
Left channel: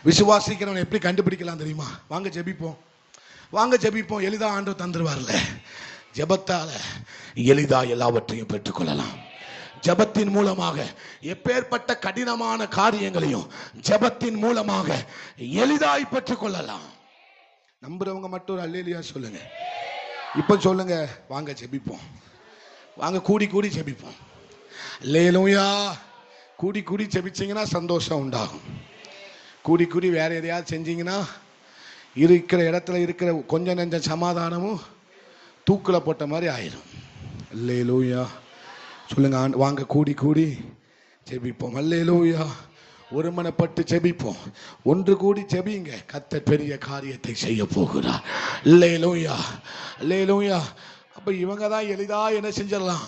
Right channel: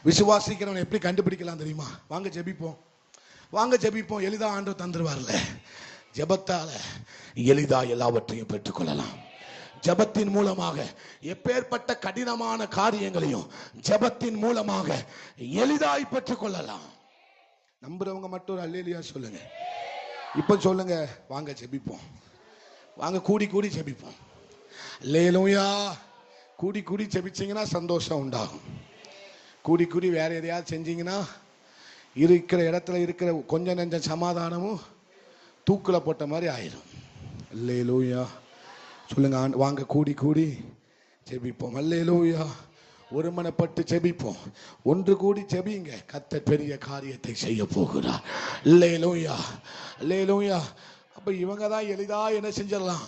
விசுவாசிக்கிறவன் எப்படி கண்டுபிடிக்கலாம் தெரியுமா? வாங்க ஜெபிப்போம், வாங்க ஜெபிப்போம். எளிதா ஆண்டவர் தந்துருவார்ல. ஜெபத்தால எளிதா எல்லாவற்றையும் பெற்றுக்கொள்ளலாம். ஜெபத்தின் மூலமாக எப்பேற்பட்ட கடினமான காரியங்களையும் ஜெபத்தின் மூலமாக எளிதாய் பெற்றுக்கொள்ளலாம். நம்புறவங்க மட்டும் ஒரு அல்லேலூயா சொல்லுங்க. இப்ப சொல்லுங்க, வாங்க ஜெபிப்போம், வாங்க கூடி கூடி ஜெபிப்போம். அல்லேலூயா. கூடி கூடி ஜெபிச்சீங்கன்னா சந்தோஷம் உண்டாகும். கூடி கூடி வேற எதையாவது செஞ்சீங்கன்னா இருக்கிற இடத்துல இருக்கிற கொஞ்சம் நெஞ்ச சமாதானமும் தூக்கில் போட்ட மாதிரி ஆயிரும். அல்லேலூயா சொல்லுங்க. வாங்க கூடி கூடி ஜெபிப்போம். அல்லேலூயா. ஒருமனப்பட்டு ஜெபிப்போம். ஒன்று கூடி ஜெபிங்க. கர்த்தர் பெரிய காரியத்தை செய்ய போகிறார். அல்லேலூயா. அல்லேலூயா. அப்ப இவங்க தான் எளிதா என்ன செஞ்சிடலாம்.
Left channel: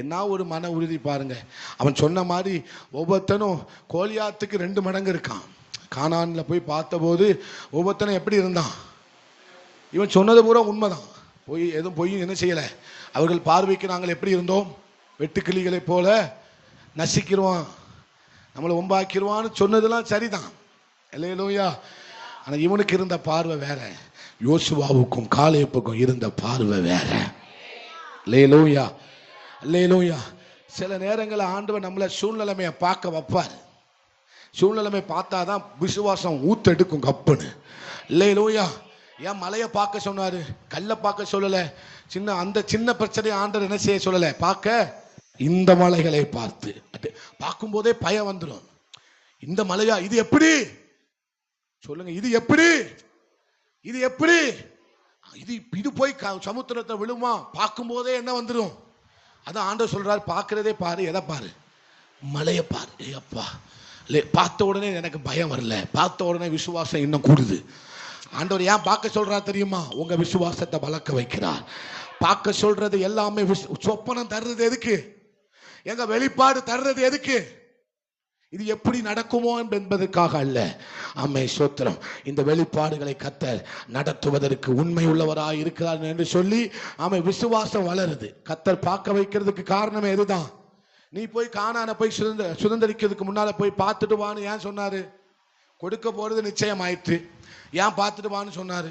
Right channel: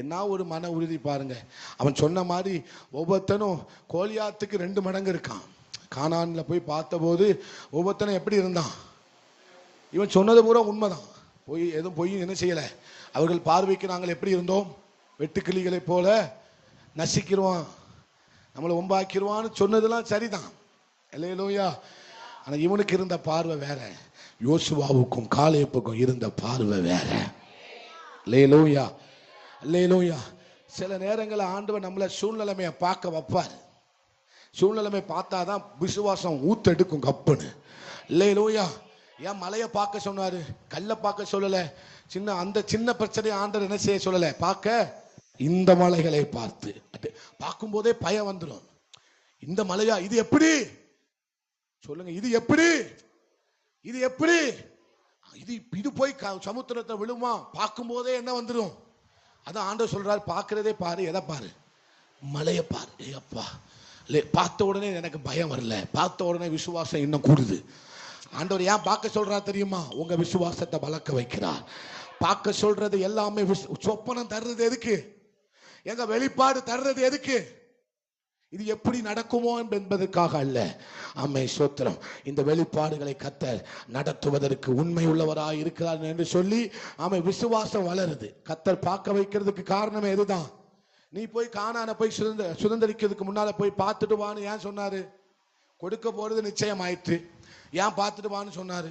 என்ன ஒரு மன உறுதி பாருங்க. அவன் சொன்ன மாதிரி ஒவ்வொருத்தனும் கோலியாத்துக்கு 2 மடங்கு இருக்கான். கானான்ல போய் பார்த்தபோது ஒவ்வொருத்தனும் எப்படி இருந்தான்? இவன் சொன்னது பூரா உண்மைதான். போய் எதுவும் போய் என்ன செய்யல. அவர்கள் பார்வைக்கு நாங்கள் எப்படி இருந்தோம்? வெட்டுக்கிளிகளை போல நசிக்கிறோம், நம்மளை ஒம்பாக்கிடுவான்னு சொன்னதெல்லாம் சரிதான். அல்லேலூயா. ஆனா இவனுக்கு இருந்த பார்வை வேற, யோசுவாவுக்கும் காலேபுக்கும் இருந்த பார்வை வேற. அல்லேலூயா. அல்லேலூயா. சில நேரங்களில் ஆண்டவர் நம்மளை சூழ்நிலைமையை பார்க்க வைப்பார். சூழ்நிலைமை பார்த்தாதான் விசுவாசம் ஊத்தெடுக்கும் கப்புன்னு. அல்லேலூயா. ஏன் மலையை பார்க்க சொன்னாரு, கல்லை பார்க்க சொல்லல. அந்த சின்ன பிரச்சனையை ஆண்டவர் என்ன செய்ய சொல்லல, பார்க்க இந்த மலைகளை பார்க்கும் போதே பயம் வந்துடும். இந்த மலையா, இது எப்படி சொல்லுங்க, இது எப்படி, இது எப்படி, இது போய் சமுத்திரத்தை விழுமா? பார்க்கும் போதே என்ன வந்துடும்? அதான் ஆண்டவர் சொல்றாரு, பார்க்கிறதே பாரு. எதை பாரு? மலையை பாரு. அப்பா, பார்த்த உடனே எனக்கு பயம் வரல, பார்த்த உடனே விசுவாசம் இன்னும் கூடுது. ஆண்டவர் ஏன் பார்க்க சொல்றார் தெரியுமா? உங்க விசுவாசத்தை வளர்க்க வைக்கிறார். பார்க்க சொல்றது எல்லாமே சொப்பனம் தர்றது எதுக்கு? எங்க வெளிப்பாடு தர்றது எதுக்கு? இது எப்படி நடக்குமோ என்பதற்காக அல்ல. ஆமே, ஸ்தோத்திரம். இந்த வெளிப்பாடுகளை கர்த்தர் நடத்துவதற்கு உண்மை உள்ளவராய் இருக்கிறார் என்று சொல்லி ஆமே விசுவாசம் வளருது. கர்த்தர் பார்க்க வைக்கிறதுக்கு காரணமே இதுதான். நீ போய் கானானை போய் சுதந்திரிக்கிறதுக்கு முன்னால போய் பார்த்துட்டு வான்னு ஏன் சொன்னாரு? கொடுக்க போறது நிச்சயம் ஆயிற்று. ஏன் பார்த்துட்டு வான்னு சொன்னாரு?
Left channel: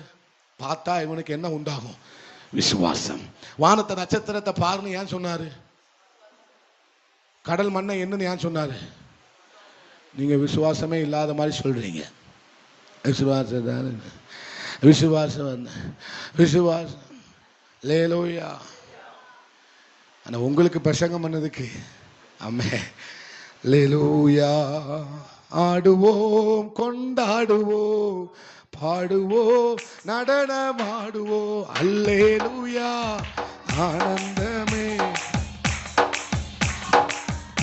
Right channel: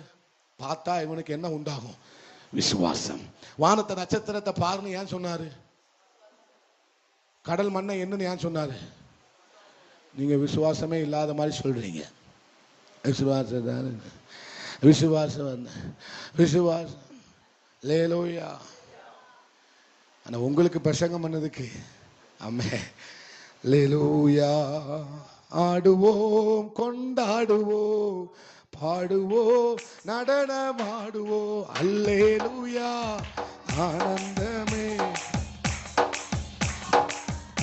பார்த்தா இவனுக்கு என்ன உண்டாகும்? விசுவாசம். வானத்தை நட்சத்திரத்தை பாருன்னு ஏன் சொன்னாரு? கடல் மண்ணை என்னன்னு ஏன் சொன்னாரு? நீங்க விசுவாசமே இல்லாத மாதிரி சொல்றீங்க. விசுவாசம் விசுவாசம் விசுவாசம் லேலூயா. ஆனா உங்களுக்கு பிரசங்கம் பண்ணதுக்கு ஆமே லேலூயா. ஆடுவோம், கொண்டாடுவோம், பாடுவோம், நடனமாடுவோம், அல்லேலூயா. ஆனந்தமே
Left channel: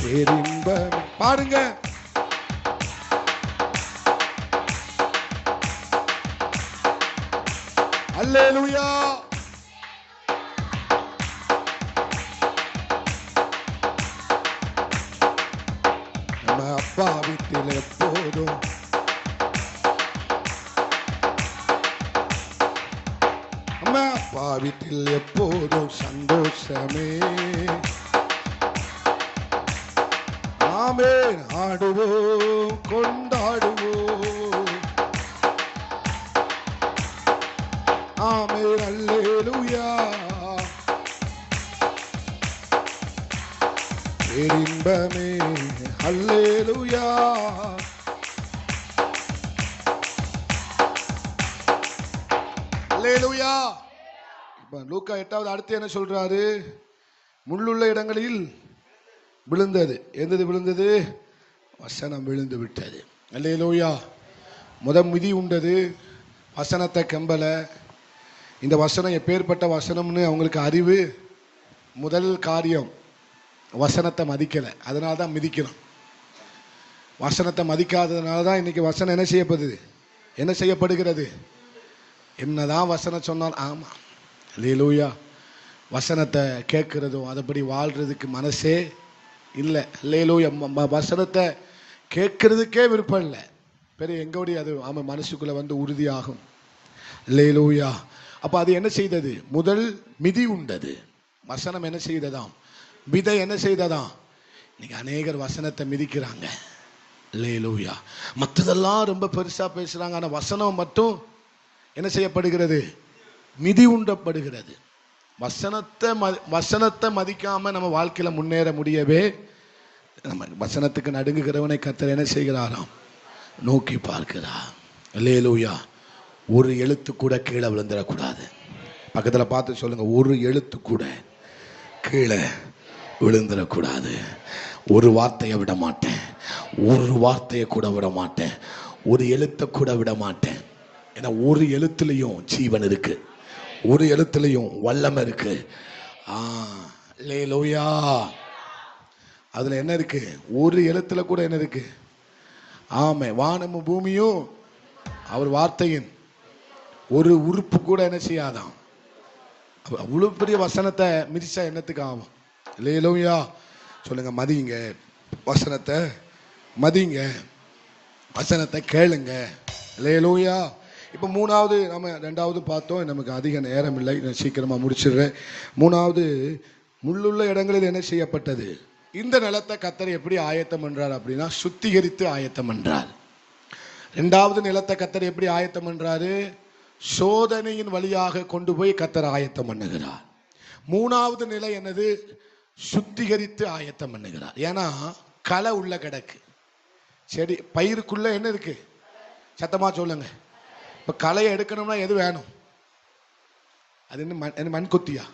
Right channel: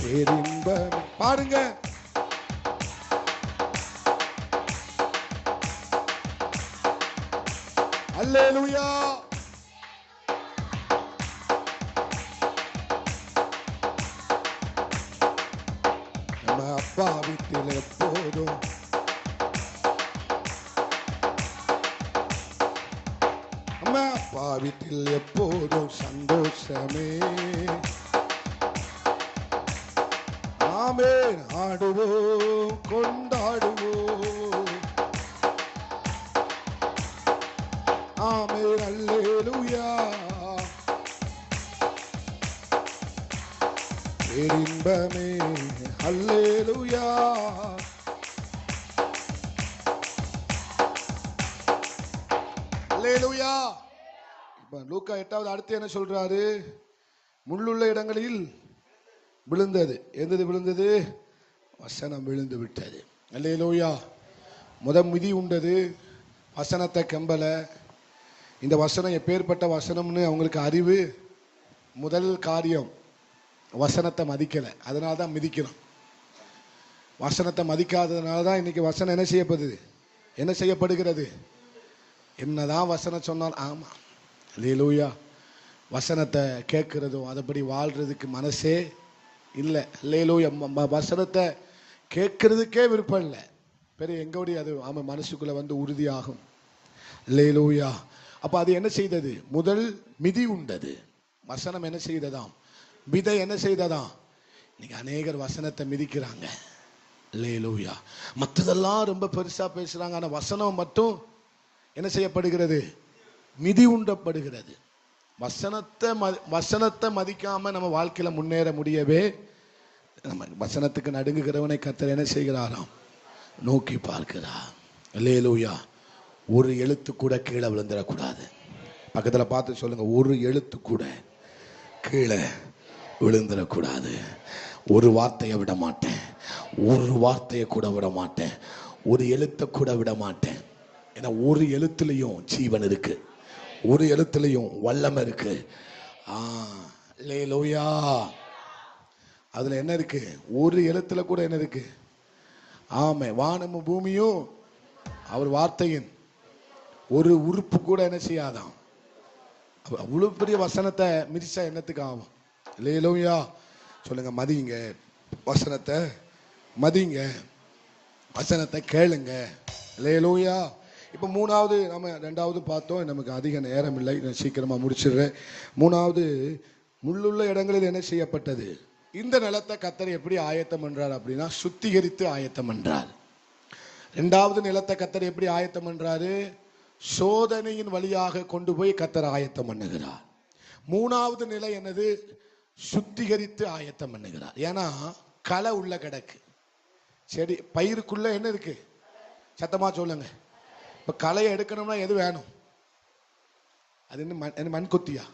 பேரின்பமே. பாருங்க, அல்லேலூயா. நம்ம அப்பா வீட்டில் எப்போதும் வீட்டில் எப்போதும் சந்தோஷமே. ஆமென். ஆடுவோம், கொண்டாடுவோம், ஆமென், அல்லேலூயா. பேரின்பமே, அல்லேலூயா. அல்லேலூயா. லூக்கா 8வது அடுத்து என்ன சொல்றாரு? முள்ளுள்ள இடங்களில் விழுந்தது. எந்தது விழுந்தது? வசனம் விழுந்து விட்டது. அல்லேலூயா. மிதி உண்டது, வசனத்தை கம்பல. இந்த வசனம் எப்பேற்பட்ட வசனம்னு அவங்களுக்கு அறிவு. முதல் காரியம், வசனத்தை மதிக்கல, அதனால தான் மிதிக்கணும். வசனத்தை மதிக்காததுனால தான் இன்னைக்கு வசனம் என்ன செய்யப்படுகிறது? என்னதான் வசனம் சொன்னால் ஆமா. அல்லேலூயா. வசனத்தை கேட்கிறதும் அதுபடி வாழ்றதுக்கு மனசே இல்லை. அல்லேலூயா. வசனத்தை கேட்கறதுக்கே விருப்பம் இல்லை. பெரிய எங்கோடி அது ஆமாம் மனசுக்குள்ள வந்து உறுதியாகும். அல்லேலூயா. அப்ப அது என்ன செய்தது? முதல் மிதி உண்டது. வசனம் என்ன செய்ததாம்? விதை என்ன செய்ததாம்? இன்னைக்கு அநேகர் வசனத்தை மிதிக்கிறாங்க. அல்லேலூயா. மற்றதெல்லாம் ரொம்ப பெருசா பேசுறாங்க, ஆனா வசனம் மட்டும் என்ன செய்யப்படுகிறது? மிதி உண்டப்படுகிறது. வசனத்தை மதிக்காம நம்ம வாழ்க்கையில முன்னேற முடியவே, நம்ம வசனத்துக்கு நடுங்குகிறவனை கர்த்தர் என்ன செய்கிறாராம்? நோக்கி பார்க்கிறார். அல்லேலூயா. ஒரு எழுத்து கூட கீழே விழுந்துடக்கூடாது. பக்கத்துல பார்த்து சொல்லுங்க, ஒரு எழுத்து கூட கீழே விழுந்துடக்கூடாது. ஒரு வார்த்தையை விட மாட்டேன், ஒரு வார்த்தையை கூட விட மாட்டேன், ஒரு எழுத்தை கூட விட மாட்டேன். ஏன்னா ஒரு எழுத்துலையும் ஜீவன் இருக்கு, ஒரு எழுத்துலையும் வல்லமை இருக்கு. அல்லேலூயா. அதுல என்ன இருக்கு? ஒரு எழுத்துல கூட என்ன இருக்கு? ஆமே. வானமும் பூமியும் அவர் வார்த்தையின் ஒரு உறுப்பு கூட என்ன செய்யாதான். அவ்வளவு பெரிய வசனத்தை மிதிச்சா என்னத்துக்கு ஆகும்? அல்லேலூயா. சொல்லுங்க, மதிங்க வசனத்தை, மதிங்க வசனத்தை, கேளுங்க. அல்லேலூயா. இப்போ மூணாவது, நம்ம ரெண்டாவது பார்த்தோம், நமக்கு அதிக நேரம் இல்லை, சீக்கிரமா முடிச்சிடுறேன். மூணாவது, முள்ளுள்ள இடங்களில் என்ன செய்யப்பட்டது? இந்த நிலத்தை கர்த்தர் எப்படி ஆயத்தம் பண்றார் அப்படின்னா, சுத்திகரித்து ஆயத்தம் பண்றார். இரண்டாவது நிலத்தை கர்த்தர் எப்படி ஆயத்தம் பண்றாரு? சோதனையின் வழியாக கொண்டு போய் கர்த்தர் ஆயத்தம் பண்ணுகிறார். மூணாவது நிலை என்னது? சுத்திகரித்து ஆயத்தம் பண்ணுகிறார். ஏன்னா களை உள்ள கிடக்கு. செடி பயிருக்குள்ள என்ன இருக்கு? சத்தமா சொல்லுங்க. இப்ப களையை எடுக்கணும்னா எது வேணும்? அது என்ன? மண் கொத்தியா?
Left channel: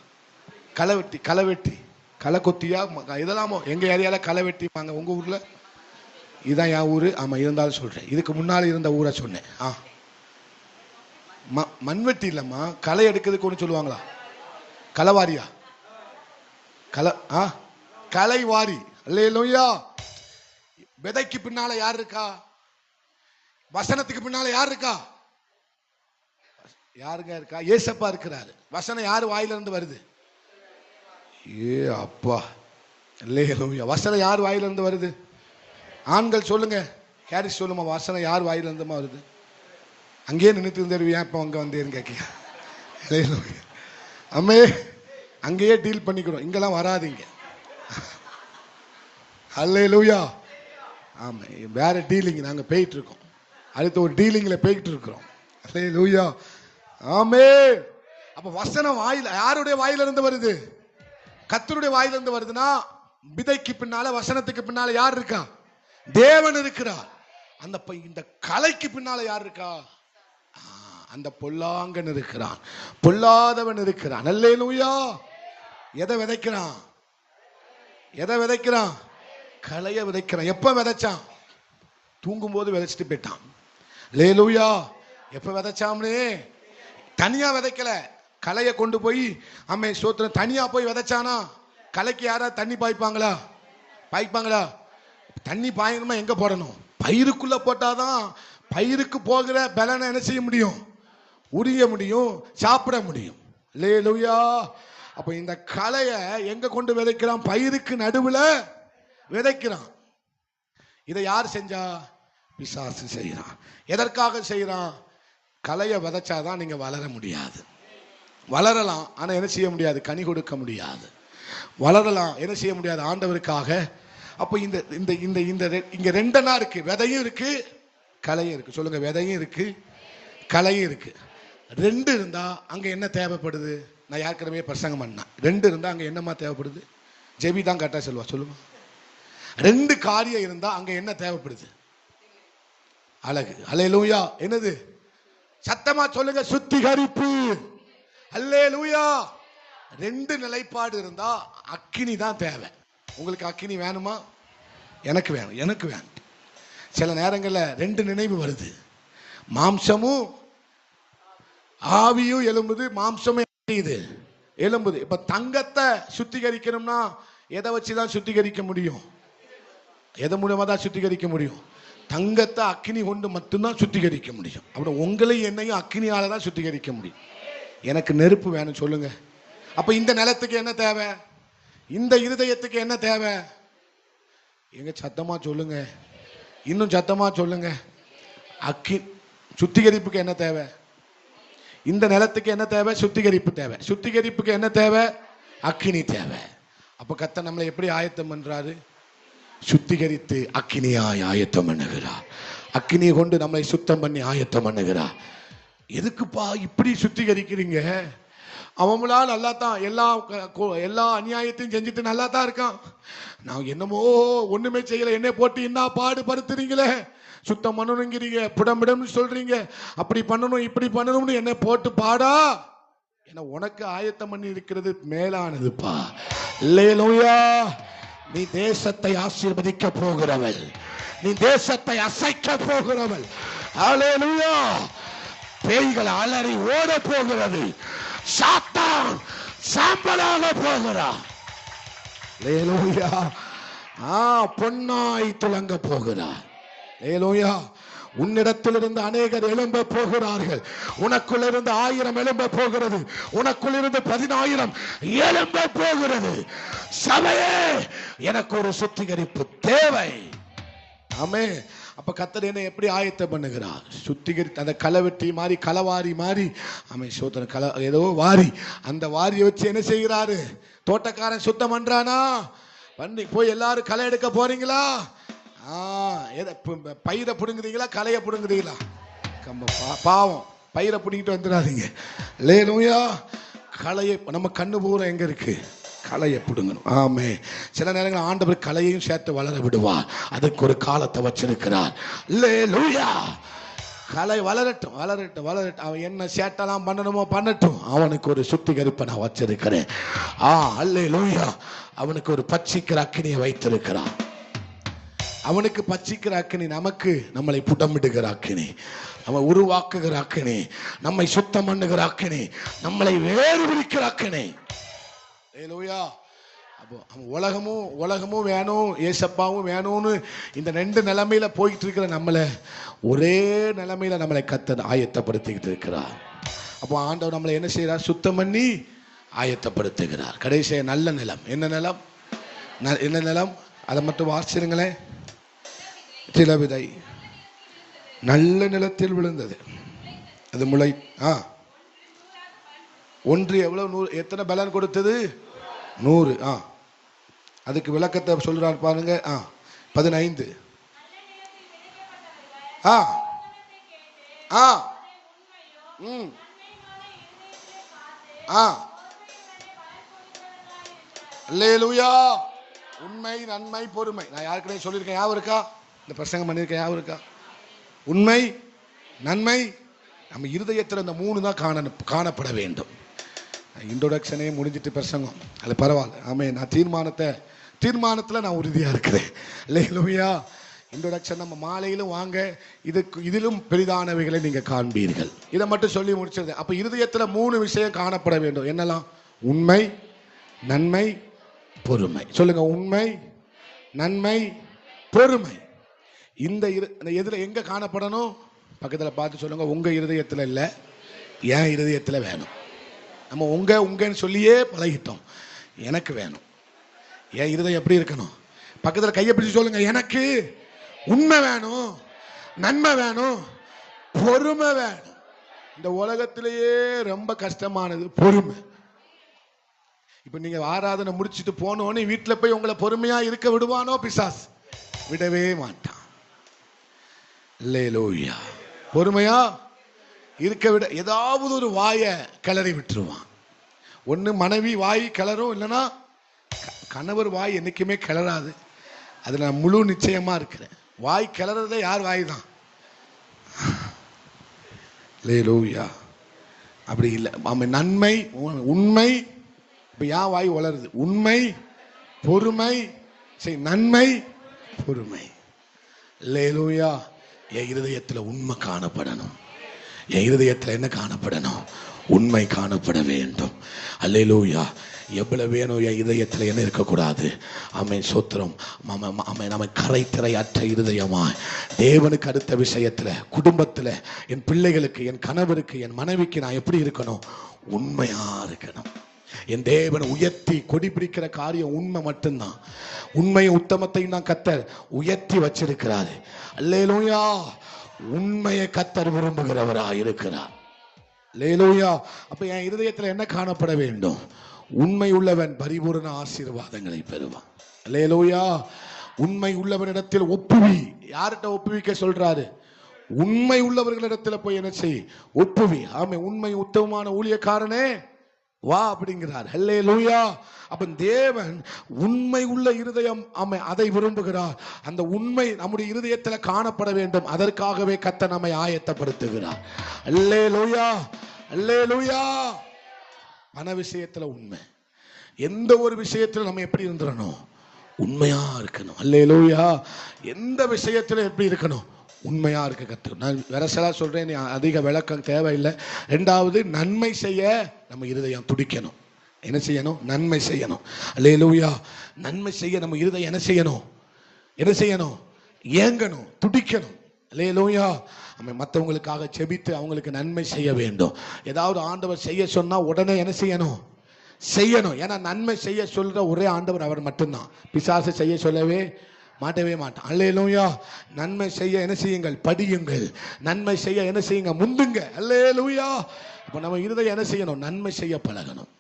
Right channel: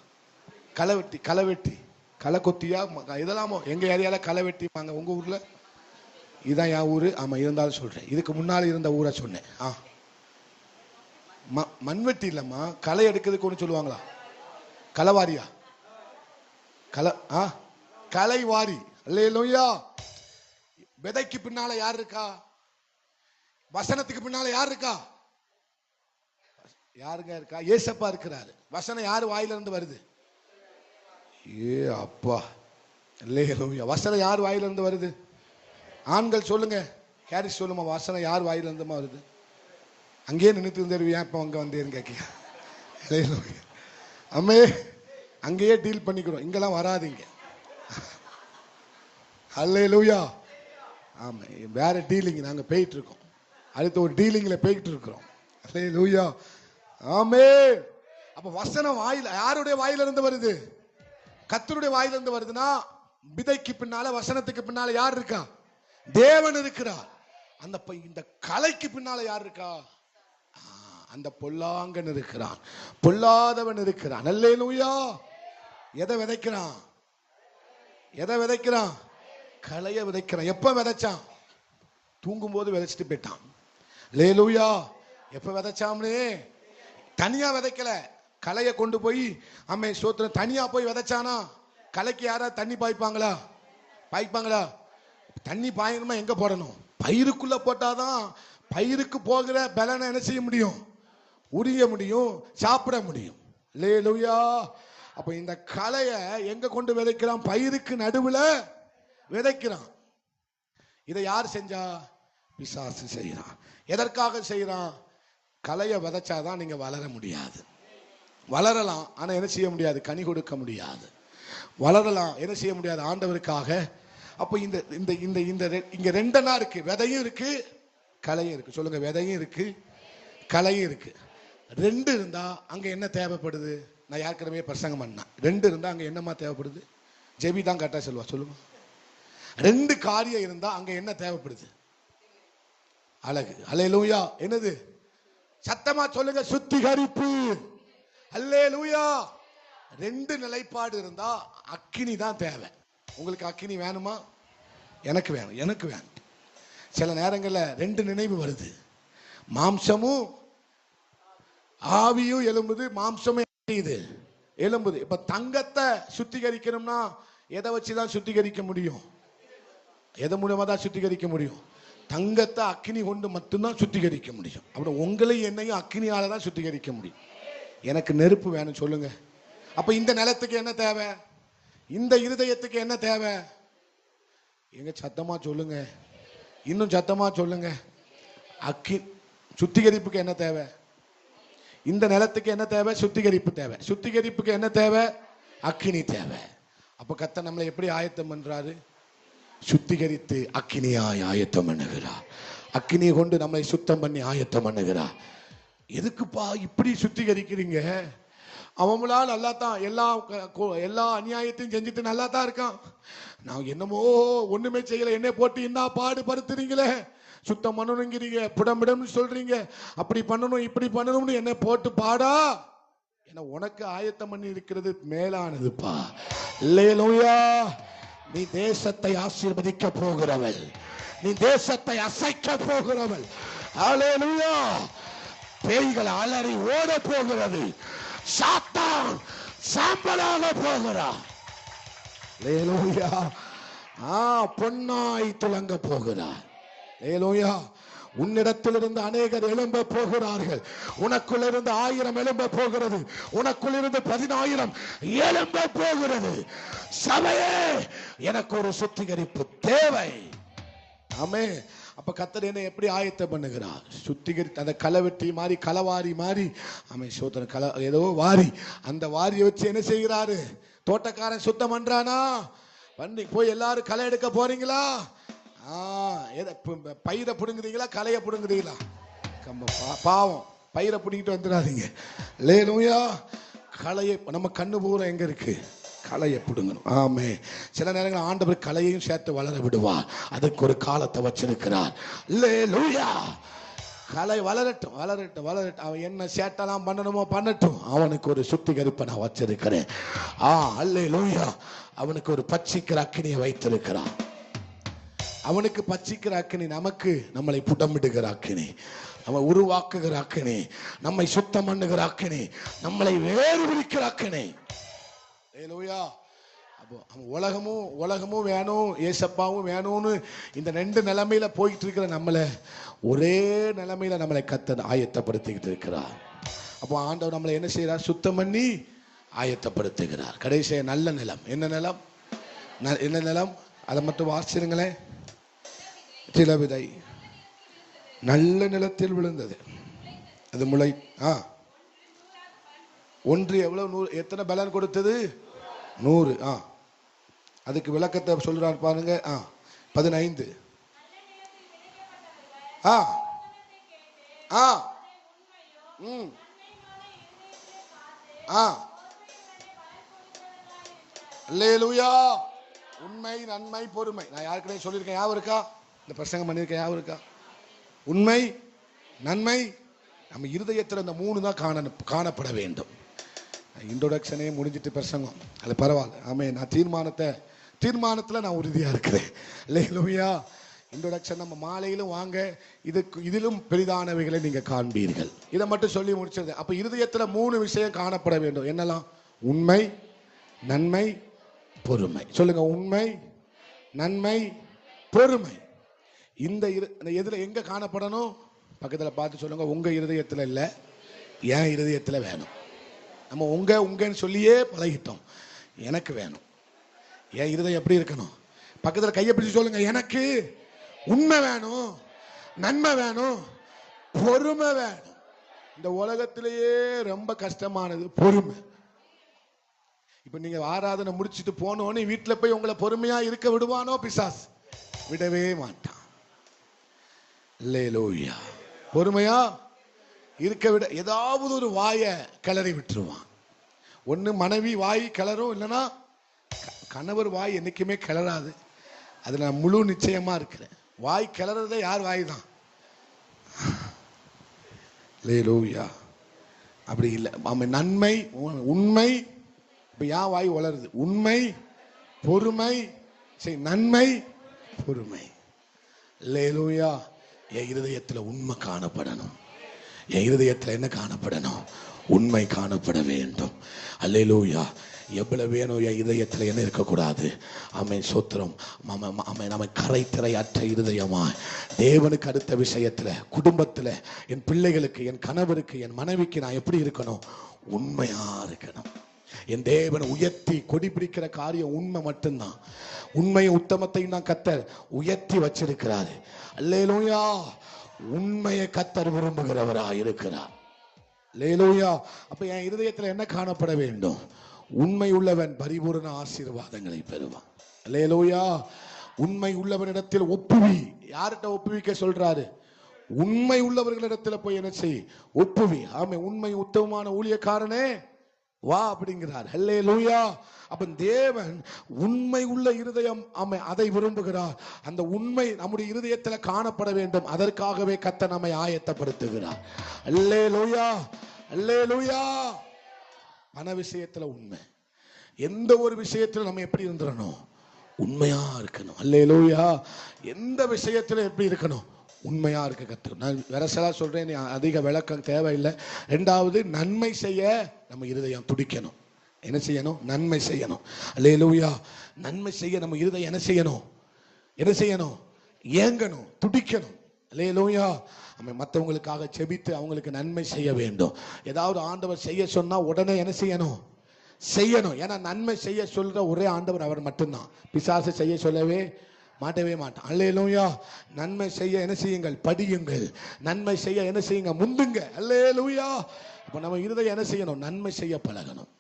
களை வெட்டி களை கொத்தியா இதெல்லாமோ எங்க ஏரியால களை வெட்டிப்பாங்க. உங்க ஊர்ல? இதுதான் என் ஊரு. ஆமா, இருந்தாலும் சொல்றேன். இதுக்கு முன்னால இருந்த ஊரை சொன்னேன். மண்வெட்டி இல்லம்மா, களை எடுக்கிறதுக்கு ஒன்று சொல்லுவாங்களா? களவாரியா? கலைவாரி. அல்லேலூயா. விதைக்கு பின்னால யார் இருக்கா? வசனத்துக்கு பின்னால யார் இருக்கா? யாருங்க இருக்கா? ஏசப்பா இருக்கிறாரு. வசனம் யாரு வாயில இருந்து வருது? ஏ அப்பா, அல்லேலூயா. வசனம் யார் வாயில இருந்து வருது? ஆண்கள் சொல்லுங்க, ஹாரிஸ் சொல்லுமா, வசனம் யார் வாயில இருந்துமா வருது? அங்கேயே நின்றுட்டு இருந்துருவியா, இப்போ அங்கே வந்தேன்னு கேட்க. அம்மே, அங்கேயே டீல் பண்ணிக்கிறோம், இங்கெல்லாம் வராதிங்க. அல்லேலூயா. ஆமா, வேற டீலிங் நாங்கள் போயிட்டு இருக்கோம். அடுத்த ஒரு டீலிங்ல போயிட்டு இருக்கிறோம். அல்லேலூயா. ஆமே. அப்ப வசனம் வாயில யாருடைய வாயில இருந்து வருது? கர்த்தருடைய வாயில இருந்து வருதுன்னா, விதைக்கு பின்னால வசனத்துக்கு பின்னால யார் இருக்கா? தேவன் இருக்கிறார். அந்த இந்த கலைக்கு பின்னால யார் இருக்கா? அந்த பொல்லாங்கன் இருக்கிறான், பொல்லாதவன் இருக்கிறான். அல்லேலூயா. எதை விதைக்கிறான்? எதை விதைக்கிறான்? கலைய விதைக்கிறான். எப்ப விதைச்சான்? தூங்கும் போது விதைச்சிட்டு போயிட்டான். அல்லேலூயா. எப்ப விதைச்சாம்னே? தனியா விதைக்கல, கலைய கொண்டு போய் அம்மே சோத்திரம் தனியா போய் விதைச்சானா? கலைக்கு யாராவது தண்ணி பாய்ப்பாங்களா? பாய்ப்பாங்களா? தண்ணி பாயணுமா எங்க போடணும்? பயிருக்குள்ள போட்டாதான் பயிருக்கு போகிற பலனை என்ன செய்ய முடியும்? உரிய முடியும், சாப்பிட முடியும். அல்லேலூயா. அப்ப இந்த கலைய எங்க கொண்டு விதைக்கிறான்? பயிருக்கு நடுவுல விதைக்கிறான். இதை யார் செஞ்சா? பிசாசு செய்யறான். எதற்காக செய்யறான்? கலைய விதைச்சாதான் நீங்க வளர முடியாது. வளரலாம், ஆனா என்ன செய்ய முடியாது? கனி கொடுக்க முடியாது. வளரலாம், என்ன செய்ய முடியாது? ஆண்டவருக்காக. அப்ப இந்த இந்த இந்த இந்த இங்க ரெண்டனா இருக்கு, விதையும் இருக்கு, கலையும் இருக்கு. சொல்லுங்க, விதையும் இருக்கு, கலையும் இருக்கு. ரெண்டு இருந்தா அங்க என்ன தேவைப்படுது? நான் யாருக்கிடமே பிரசங்கம் பண்ணேன். ரெண்டு இருந்தா அங்க என்னமா தேவைப்படுது? ஜெபி தான் கரெக்டா சொல்லுவா. சொல்லுங்க. ரெண்டு காரியம் இருந்தா அங்க என்ன தேவைப்படுது? அழகு. அல்லேலூயா. என்னது? சத்தமா சொல்லுங்க, சுத்திகரிப்பு. அல்லேலூயா. ரெண்டு நிலைப்பாடு இருந்தா அக்கினி தான் தேவை. உங்களுக்கு அக்கினி வேணுமா? எனக்கு வேணும், எனக்கு வேணும். சில நேரங்களில் ரெண்டு நினைவு வருது. மாம்சமும் ஆவியும் எழும்புது, மாம்சமே எழும்புது. இப்ப தங்கத்தை சுத்திகரிக்கணும்னா எதை வச்சுதான் சுத்திகரிக்க முடியும்? எதை மூலமா தான் சுத்திகரிக்க முடியும்? தங்கத்தை அக்கினி கொண்டு மட்டும்தான் சுத்திகரிக்க முடியும். அப்படி உங்களையும் என்னையும் அக்கினியால தான் சுத்திகரிக்க முடியும். எனக்கு நெருப்பு வேணும். சொல்லுங்க. அப்ப இந்த நிலத்துக்கு என்ன தேவை? இந்த இருதயத்துக்கு என்ன தேவை? எங்க சத்தமா சொல்லுங்க, இன்னும் சத்தமா சொல்லுங்க. சுத்திகரிப்புக்கு என்ன தேவை? இந்த நிலத்துக்கு என்ன தேவை? சுத்திகரிப்பு தேவை. சுத்திகரிப்புக்கு என்ன தேவை? அக்கினி தேவை. அப்ப கர்த்தர் நம்மளை எப்படி ஆயத்தம் பண்றாரு? சுத்திகரித்து அக்கினியாய் ஆயத்தம் பண்ணுகிறார். அக்கினியை கொண்டு நம்மை சுத்தம் பண்ணி ஆயத்தம் பண்ணுகிறார். எதுக்குப்பா இப்படி சுத்திகரிக்கிறீங்க? அவங்களால நல்லா தான் எல்லா அநியாயத்தையும் செஞ்சுட்டு நல்லா தான் இருக்கான். நான் என்னமோ ஒண்ணுமே செய்யல, என்ன போட்டு என்ன பாடுபடுத்துறீங்களே, சுத்தம் பண்ணணுங்கிறீங்க, புடம்பிடம்னு சொல்றீங்க, அப்படி பண்ணணும் இப்படி பண்ணணும்னு என்ன போட்டு பாடா. என்ன உனக்கு ஆயத்தம் பண்ணி இருக்கிறது மேலானதுப்பா. அல்லேலூயா. நீ தேசத்தை ஆசீர்வதிக்க போகிறவள், நீ தேசத்தை அசைக்க போகிறவள். அல்லேலூயா. பேய்கள் அலறி ஓட போகிறது, சாத்தான் சாம்பலாக போகிறான். அல்லேலூயா. பொன்னாய் துலங்க போகிறார். அல்லேலூயா. உன்னிடத்திலிருந்து அநேகர் எழும்ப போகிறார்கள். உனக்குள் இருந்து 1000 எழும்ப போகிறது, உனக்குள் இருந்து 10,000 எழும்ப போகிறது. சபையே, எனக்கு ஒரு சுத்திகரிப்பு தேவை. ஆமே. அப்ப கர்த்தர் என்ன எப்படி ஆயத்தம் பண்ணுகிறார்? சுத்திகரித்து அந்த களவெட்டி மாதிரி, களவாரி மாதிரி, ஆமே சோதனை ஏதோ வாரி, அந்த வாரியை வச்சு என்ன செய்கிறாரு? தோட்டக்காரன் சுத்தம் பண்றானா? பண்ணி போய் எல்லாரும் களை எடுக்க போறீங்களா? பயிரை புடுங்குறீங்களா, களைய புடுங்குறீங்களா? பாவம், பயிரை புடுங்கிட்டு வந்துடாதீங்க. அல்லேலூயா. களையை நம்ம கண்ணு பூரா எங்க இருக்கு? களையை புடுங்கணும். ஆமே. சில நேரங்கள் ஆண்டவர் களையையும் சேர்த்து வளர விடுவார். அதுக்கு ஒரு காலத்தை வச்சிருக்கிறார். அல்லேலூயா. கலை வளரட்டும் வளரட்டும் வளரட்டும். அவன் என்ன சேட்டெல்லாம் பண்ணணுமோ பண்ணட்டும். அவனுக்கு ஒரு சுத்திகரிப்பை நான் வச்சிருக்கிறேன். அல்லேலூயா. அவனுக்கு ஒரு பட்சிக்கிற அக்கினியை வைத்திருக்கிறான். அவனுக்கு பட்சிக்கிற அக்கினி நமக்கு நம்மளை புடமிடுகிற அக்கினி, நம்ம உருவாக்குகிற அக்கினி, நம்மை சுத்தம் பண்ணுகிற அக்கினி, நம்மளை வேறு விரிக்கிற அக்கினி. அல்லேலூயா. உலகமும் வேணும், ஏசப்பாவும் வேணும்னு இந்த ரெண்டு நிலைமையில போயிட்டு இருக்கிற நம்மளை ஒரே நிலைமையில நம்மளை கர்த்தர் ஆயத்தப்படுத்திக்கிட்டு இருக்கிறார். அப்போ ஆண்டவர் நம்மளை என்ன செய்யறார்? சுத்தம் பண்ணி ஆயத்தப்படுத்துகிறார். கடைசிய நல்ல நிலம். என்ன நிலம்? என்ன நிலம்? அதை மட்டும் வாசிருங்களேன். சில விதை நல்ல நிலத்தில் விழுந்தது, அது முளை. ஒன்று எவ்வளவு? 100. எத்தனை பலன் கொடுத்தது? 100. அதுக்கு விளக்கத்தை சொல்றார் பாருங்க. 15. அல்லேலூயா. உண்மை, நன்மை, பொறுமை. நான் யாருக்கிட்டே சொல்லியிருக்கேன், ஞாபகம் இருக்கா? இந்த பிரசங்கம் பண்ணியிருக்கேன், ஞாபகம் இருக்கா? உண்மை, நன்மை, நம்ம இருதயத்தில் இந்த 3 தான் காணப்பட வேண்டும். இன்ட்ரோடக்ஷனே முடிஞ்சிட்டு பிரசங்கம், அதில் பரவாயில்ல. ஆமே, நான் தீர்மானத்தில் நான் உறுதியாக இருக்கிறேன். அல்லேலூயா. இன்ட்ரோடக்ஷன் நம்ம மாலையிலும் வாங்க, இதிலும் பெரிதானவைகளை நீங்கள் காண்பீர்கள். இதை மட்டும் சொல்லி முடிச்சிருந்தேன். அப்போ இருதயத்தில் 3 விஷயம் காணப்பட வேண்டும். என்னெல்லாம்? உண்மை, நன்மை, பொறுமை. சொல்லுங்க, உண்மை, நன்மை, பொறுமை. இந்த எதுல எங்க காணப்படணும்? பக்கத்தில் பார்த்து சொல்லுங்க. உங்க இருதயத்தில் இல்லை, என் இருதயத்தில் வேணும். நம்ம உங்கன்னு சொல்லியே பழகிட்டோம். எனக்கு வேணும். என் இருதயம் எப்படி இருக்கணும்? பக்கத்தில் கையை பிடிச்சு சொல்லுங்க, எனக்கு உண்மை வேணும், நன்மை வேணும், பொறுமை வேணும். இந்த உலகத்திலேயே ரொம்ப கஷ்டமானது பொறுமை. இப்ப நீங்க ஆராதனை முடிச்சுட்டு போனோன்னு வீட்டில் போய் உங்களை பொறுமையா இருக்க விடுவானோ பிசாஸ்? விடவே மாட்டான். அல்லேலூயா. பொறுமையா இருக்க விட ஏதாவது ஒரு வாயை கிளறி விட்டுருவான். ஒன்று மனைவி வாய் கிளறும், இல்லைன்னா கணவர் வாய் என்னைக்குமே கிளறாது. அது நான் முழு நிச்சயமா இருக்கிறேன். வாய் கிளறதே யார் வாய் தான். அல்லேலூயா. அப்படி இல்லை. நன்மை, உண்மை. இப்போ யார் வாய் வளருது? உண்மை, பொறுமை, நன்மை, பொறுமை. அல்லேலூயா. என் இருதயத்தில் உண்மை காணப்படணும். என் இருதயத்தில் என்ன காணப்படணும்? உண்மை காணப்பட வேண்டும். அல்லேலூயா. எவ்வளவு வேணும் என் இதயத்தில் என்ன இருக்கக்கூடாது? ஆமென், சோத்திரம். நம்ம கரைத்திரை அற்ற இருதயமாய் தேவனுக்கு அடுத்த விஷயத்துல, குடும்பத்துல, என் பிள்ளைகளுக்கு, என் கணவருக்கு, என் மனைவிக்கு நான் எப்படி இருக்கணும்? உண்மையா இருக்கணும். என் தேவன் உயர்த்தி கொடி பிடிக்கிற காரியம் உண்மை மட்டும்தான். உண்மையும் உத்தமத்தையும் தான் கர்த்தர் உயர்த்தி வச்சிருக்கிறாரு. அல்லேலூயா. உண்மையை கர்த்தர் விரும்புகிறவராய் இருக்கிறார். அல்லேலூயா. அப்ப என் இருதயத்தில் என்ன காணப்பட வேண்டும்? உண்மை உள்ளவன் பரிபூரண ஆசீர்வாதங்களை பெறுவான். அல்லேலூயா. உண்மை உள்ளவனிடத்தில் ஒப்புவி. யார்கிட்ட ஒப்புவிக்க சொல்றாரு? உண்மை உள்ளவர்களிடத்தில் போய் என்ன செய்? ஒப்புவி. ஆமே, உண்மை உத்தமமான ஊழியக்காரனே வா அப்படிங்கிறார். அல்லேலூயா. அப்ப தேவன் உண்மை உள்ள இருதயம், ஆமே, அதை விரும்புகிறார். அந்த உண்மை நம்முடைய இருதயத்தில் காணப்பட வேண்டும். அதற்காகவே கர்த்தர் நம்மை ஆயத்தப்படுத்துகிறார். அல்லேலூயா. அல்லேலூயா. பண விஷயத்துல உண்மை. எந்த ஒரு விஷயத்துல நம்ம எப்படி இருந்துடணும்? உண்மையா இருக்கணும். அல்லேலூயா. எந்த விஷயத்துல எப்படி இருக்கணும்? உண்மையா இருக்க கத்து. நான் வரசலா சொல்றேன், அதிக விளக்கம் தேவையில்லை. 2வது, நன்மை செய்ய நம்ம இருதயம் துடிக்கணும். என்ன செய்யணும்? நன்மை செய்யணும். அல்லேலூயா. நன்மை செய்ய நம்ம இருதயம் என்ன செய்யணும்? என்ன செய்யணும்? ஏங்கணும், துடிக்கணும். அல்லேலூயா. நம்ம மற்றவங்களுக்காக செபித்து அவங்களுக்கு நன்மை செய்ய வேண்டும். ஏதாவது ஆண்டவர் செய்ய சொன்னா உடனே என்ன செய்யணும்? செய்யணும். ஏன்னா நன்மை செய்ய சொல்ற ஒரே ஆண்டவர் அவர் மட்டும்தான். பிசாசு செய்ய சொல்லவே மாட்டவே மாட்டான். அல்லேலூயா. நன்மை செய்ய என்ன செய்யுங்கள்? படியுங்கள். நன்மை செய்ய என்ன செய்யுங்க? முந்துங்க. அல்லேலூயா. அப்ப நம்ம இருதயம் என்ன செய்யணும்? நன்மை செய்ய பழகணும்.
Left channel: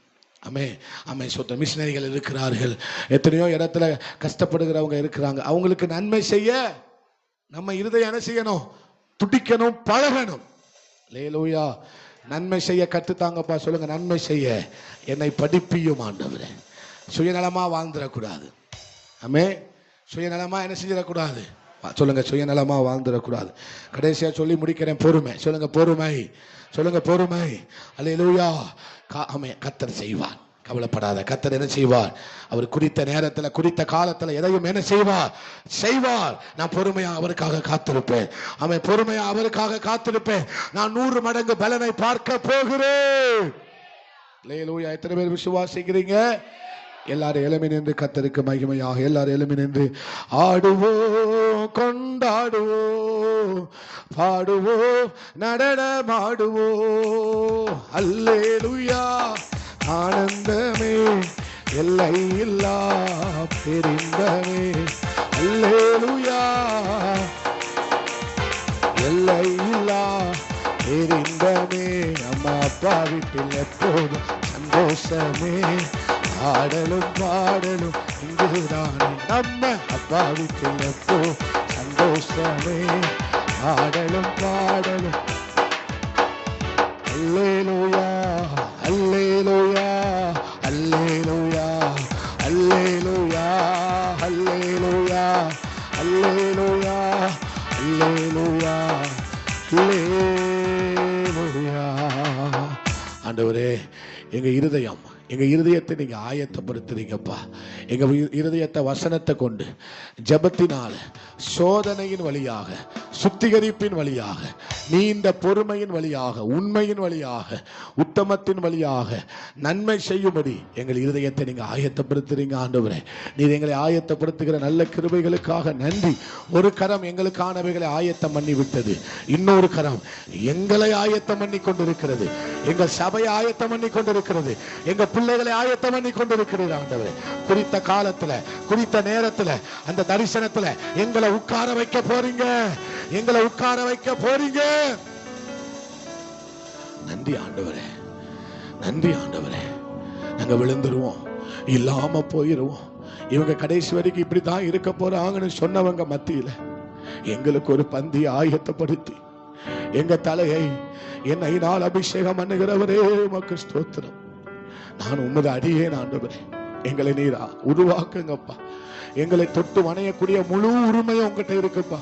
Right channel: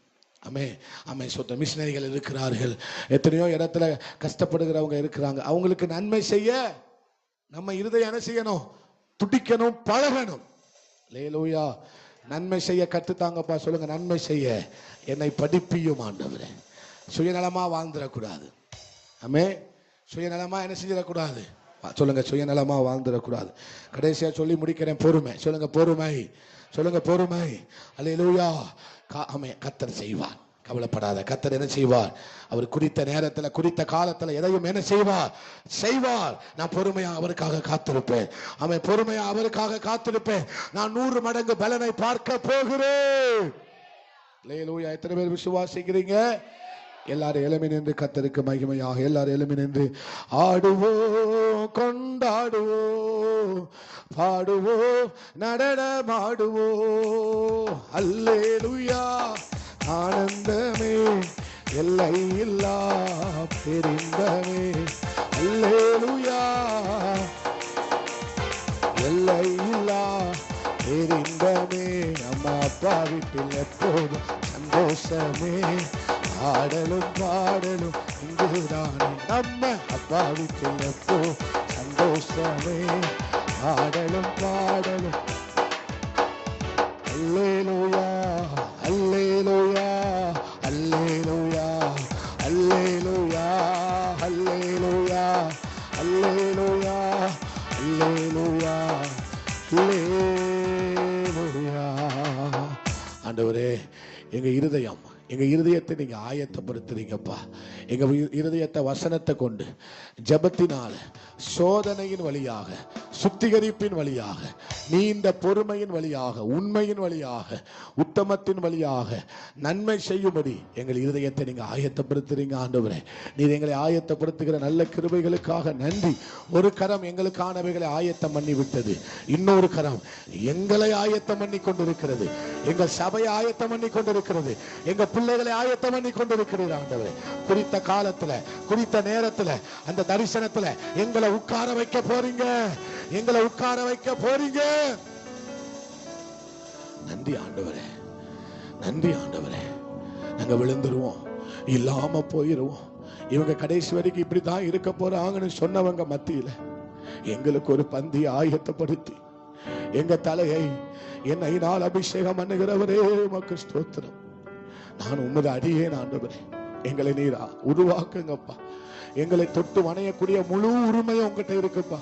ஆமே, ஆமே, சொந்த மிஷினரிகள் இருக்கிறார்கள். எத்தனையோ இடத்துல கஷ்டப்படுகிறவங்க இருக்கிறாங்க. அவங்களுக்கு நன்மை செய்ய நம்ம இருதயம் என்ன செய்யணும்? துடிக்கணும், பழகணும். அல்லேலூயா. நன்மை செய்ய கற்றுத்தாங்கப்பா. சொல்லுங்க, நன்மை செய்ய என்னை படிப்பியும் ஆண்டவரே. சுயநலமா வாழ்ந்துடக்கூடாது. ஆமே, சுயநலமா என்ன செஞ்சிடக்கூடாது? சொல்லுங்க, சுயநலமா வாழ்ந்துடக்கூடாது. கடைசியா சொல்லி முடிக்கிறேன், பொறுமை. சொல்லுங்க பொறுமை, சொல்லுங்க பொறுமை. அல்லேலூயா. கர்த்தர் செய்வார், கவலைப்படாத. கர்த்தர் என்ன செய்வார்? அவர் குறித்த நேரத்தில் குறித்த காலத்தில் எதையும் என்ன செய்வார். நான் பொறுமையா அவருக்காக காத்திருப்பேன். அவன் பொறுமையா அவருக்காக காத்திருப்பேன். நான் 100 மடங்கு பலனை பார்க்க போகிறேன். அல்லேலூயா. எத்தனை பேர் விசுவாசிக்கிறீங்க? எல்லாரும் எழும்பி நின்று கர்த்தருக்கு மகிமையாக எல்லாரும் எழும்பி நின்று ஆடுவோம், கொண்டாடுவோம், பாடுவோம், நடனமாடுவோம். அல்லேலூயா. ஆனந்தமே எல்லையில்லா பெரிந்தமே. அல்லேலூயா. எல்லையில்லா பெரிந்தமே. அம்மா அப்பா வீட்டில் எப்போதும் சந்தோஷமே. ஆடலும் பாடலும் இங்குதானே. நம்ம அப்பா வீட்டில் எப்போ சந்தோஷமே. ஆடலும் பாடலும். அல்லேலூயா, அல்லேலூயா, அல்லேலூயா, அல்லேலூயா, அல்லேலூயா, அல்லேலூயா, அல்லேலூயா, அல்லேலூயா. ஆண்டவரே, எங்க இருதயத்தை நீங்க ஆயத்தப்படுத்துறீங்கப்பா. எங்க இருதயத்தை வசனத்தை கொண்டு, ஜெபத்தினால, சோதனையின் வழியாக, சுத்திகரிப்பின் வழியாக, நீண்ட பொறுமையின் வழியாக, உண்மையின் வழியாக, உத்தமத்தின் வழியாக நன்மை செய்யும்படி எங்கள் இருதயத்தை நீங்க ஆயத்தப்படுத்துறீங்க. ஆண்டவரே, நீர் எங்களை ஆயத்தப்படுத்துகிற நல்ல கிருபைகளுக்காக நன்றி. ஒரு கரம் எங்களுக்கானவைகளை ஆயத்தம் பண்ணி விட்டது, இன்னொரு கரம் எங்களை ஆயத்தம் பண்ணி கொண்டிருக்கிறது. எங்கள் சபையை ஆயத்தம் பண்ணி கொண்டிருக்கிறது. எங்க பிள்ளைகளை ஆயத்தம் பண்ணி கொண்டிருக்கிறது. ஆண்டவரே, குறித்த காலத்துல, குறித்த நேரத்துல, அந்த தரிசனத்துல எங்களை உட்கார வைக்க போறீங்க. எங்களை உட்கார வைக்க போறீங்க. நன்றி ஆண்டவரே, நன்றி ஆண்டவரே. நாங்க விழுந்துருவோம், இல்லாம போயிருவோம். இவங்க கடைசி வரைக்கும் இப்படிதான் இருக்க போறாங்கன்னு சொன்னவங்க மத்தியில எங்களுக்கு ஒரு பந்தி ஆயத்தப்படுத்தி எங்க தலையை என்னையினால் அபிஷேகம் பண்ணுகிறவரே உமக்கு ஸ்தோத்திரம். நான் உமது அடியேன் ஆண்டவரே. எங்களை நீரா உருவாக்குங்கப்பா. எங்களை தொட்டு வணையக்கூடிய முழு உரிமை உங்ககிட்ட இருக்குப்பா.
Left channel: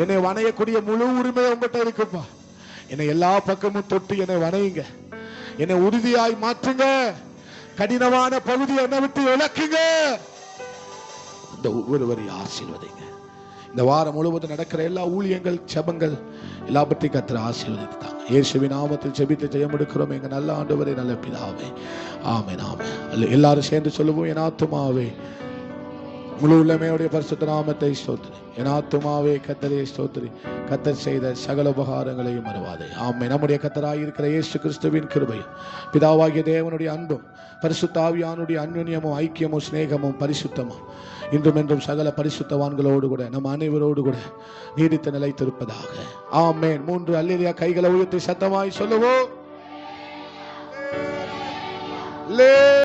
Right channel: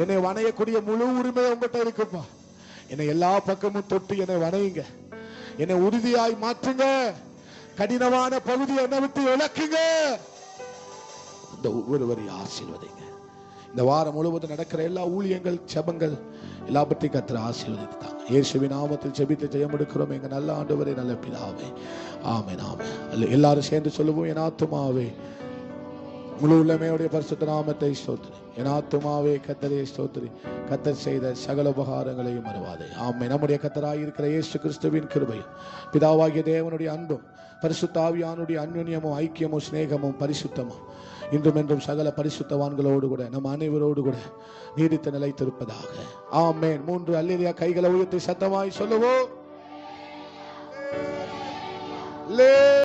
என்னை வணையக்கூடிய முழு உரிமை உங்ககிட்ட இருக்குப்பா. என்னை எல்லா பக்கமும் தொட்டு என்னை வணையுங்க. என்னை உறுதியாய் மாற்றுங்க. கடினமான பகுதி என்னை விட்டு விளக்குங்க. இந்த ஒவ்வொருவரையும் ஆசீர்வதிங்க. இந்த வாரம் முழுவதும் நடக்கிற எல்லா ஊழியங்கள், ஜெபங்கள் எல்லாவற்றையும் கர்த்தர் ஆசீர்வதித்தாங்க. இயேசுவின் நாமத்தில் ஜெபித்து ஜெயம் எடுக்கிறோம் எங்க நல்ல ஆண்டவரே, நல்ல பிதாவே. ஆமென், ஆமென். எல்லாரும் சேர்ந்து சொல்லுவோம், என் ஆத்துமாவே முழு உள்ளமையுடைய பரிசுத்த நாமத்தை ஸ்தோத்திரி. என் ஆத்துமாவே கர்த்தரை ஸ்தோத்திரி. கர்த்தர் செய்த சகல உபகாரங்களையும் மறவாதே. ஆமென். நம்முடைய கர்த்தராய் இருக்கிற இயேசு கிறிஸ்துவின் கிருபையும், பிதாவாகிய தேவனுடைய அன்பும், பரிசுத்த ஆவியானுடைய அன்யோன்யமும், ஐக்கியமும், சிநேகமும், பரிசுத்தமும் இன்றும் என்றும் சகல பரிசுத்தவான்களோடு கூட நம் அனைவரோடு கூட நீடித்து நிலைத்திருப்பதாக. ஆமென். 3 அல்லேலூயா கைகளை உயர்த்தி சத்தமாய் சொல்லுவோம்.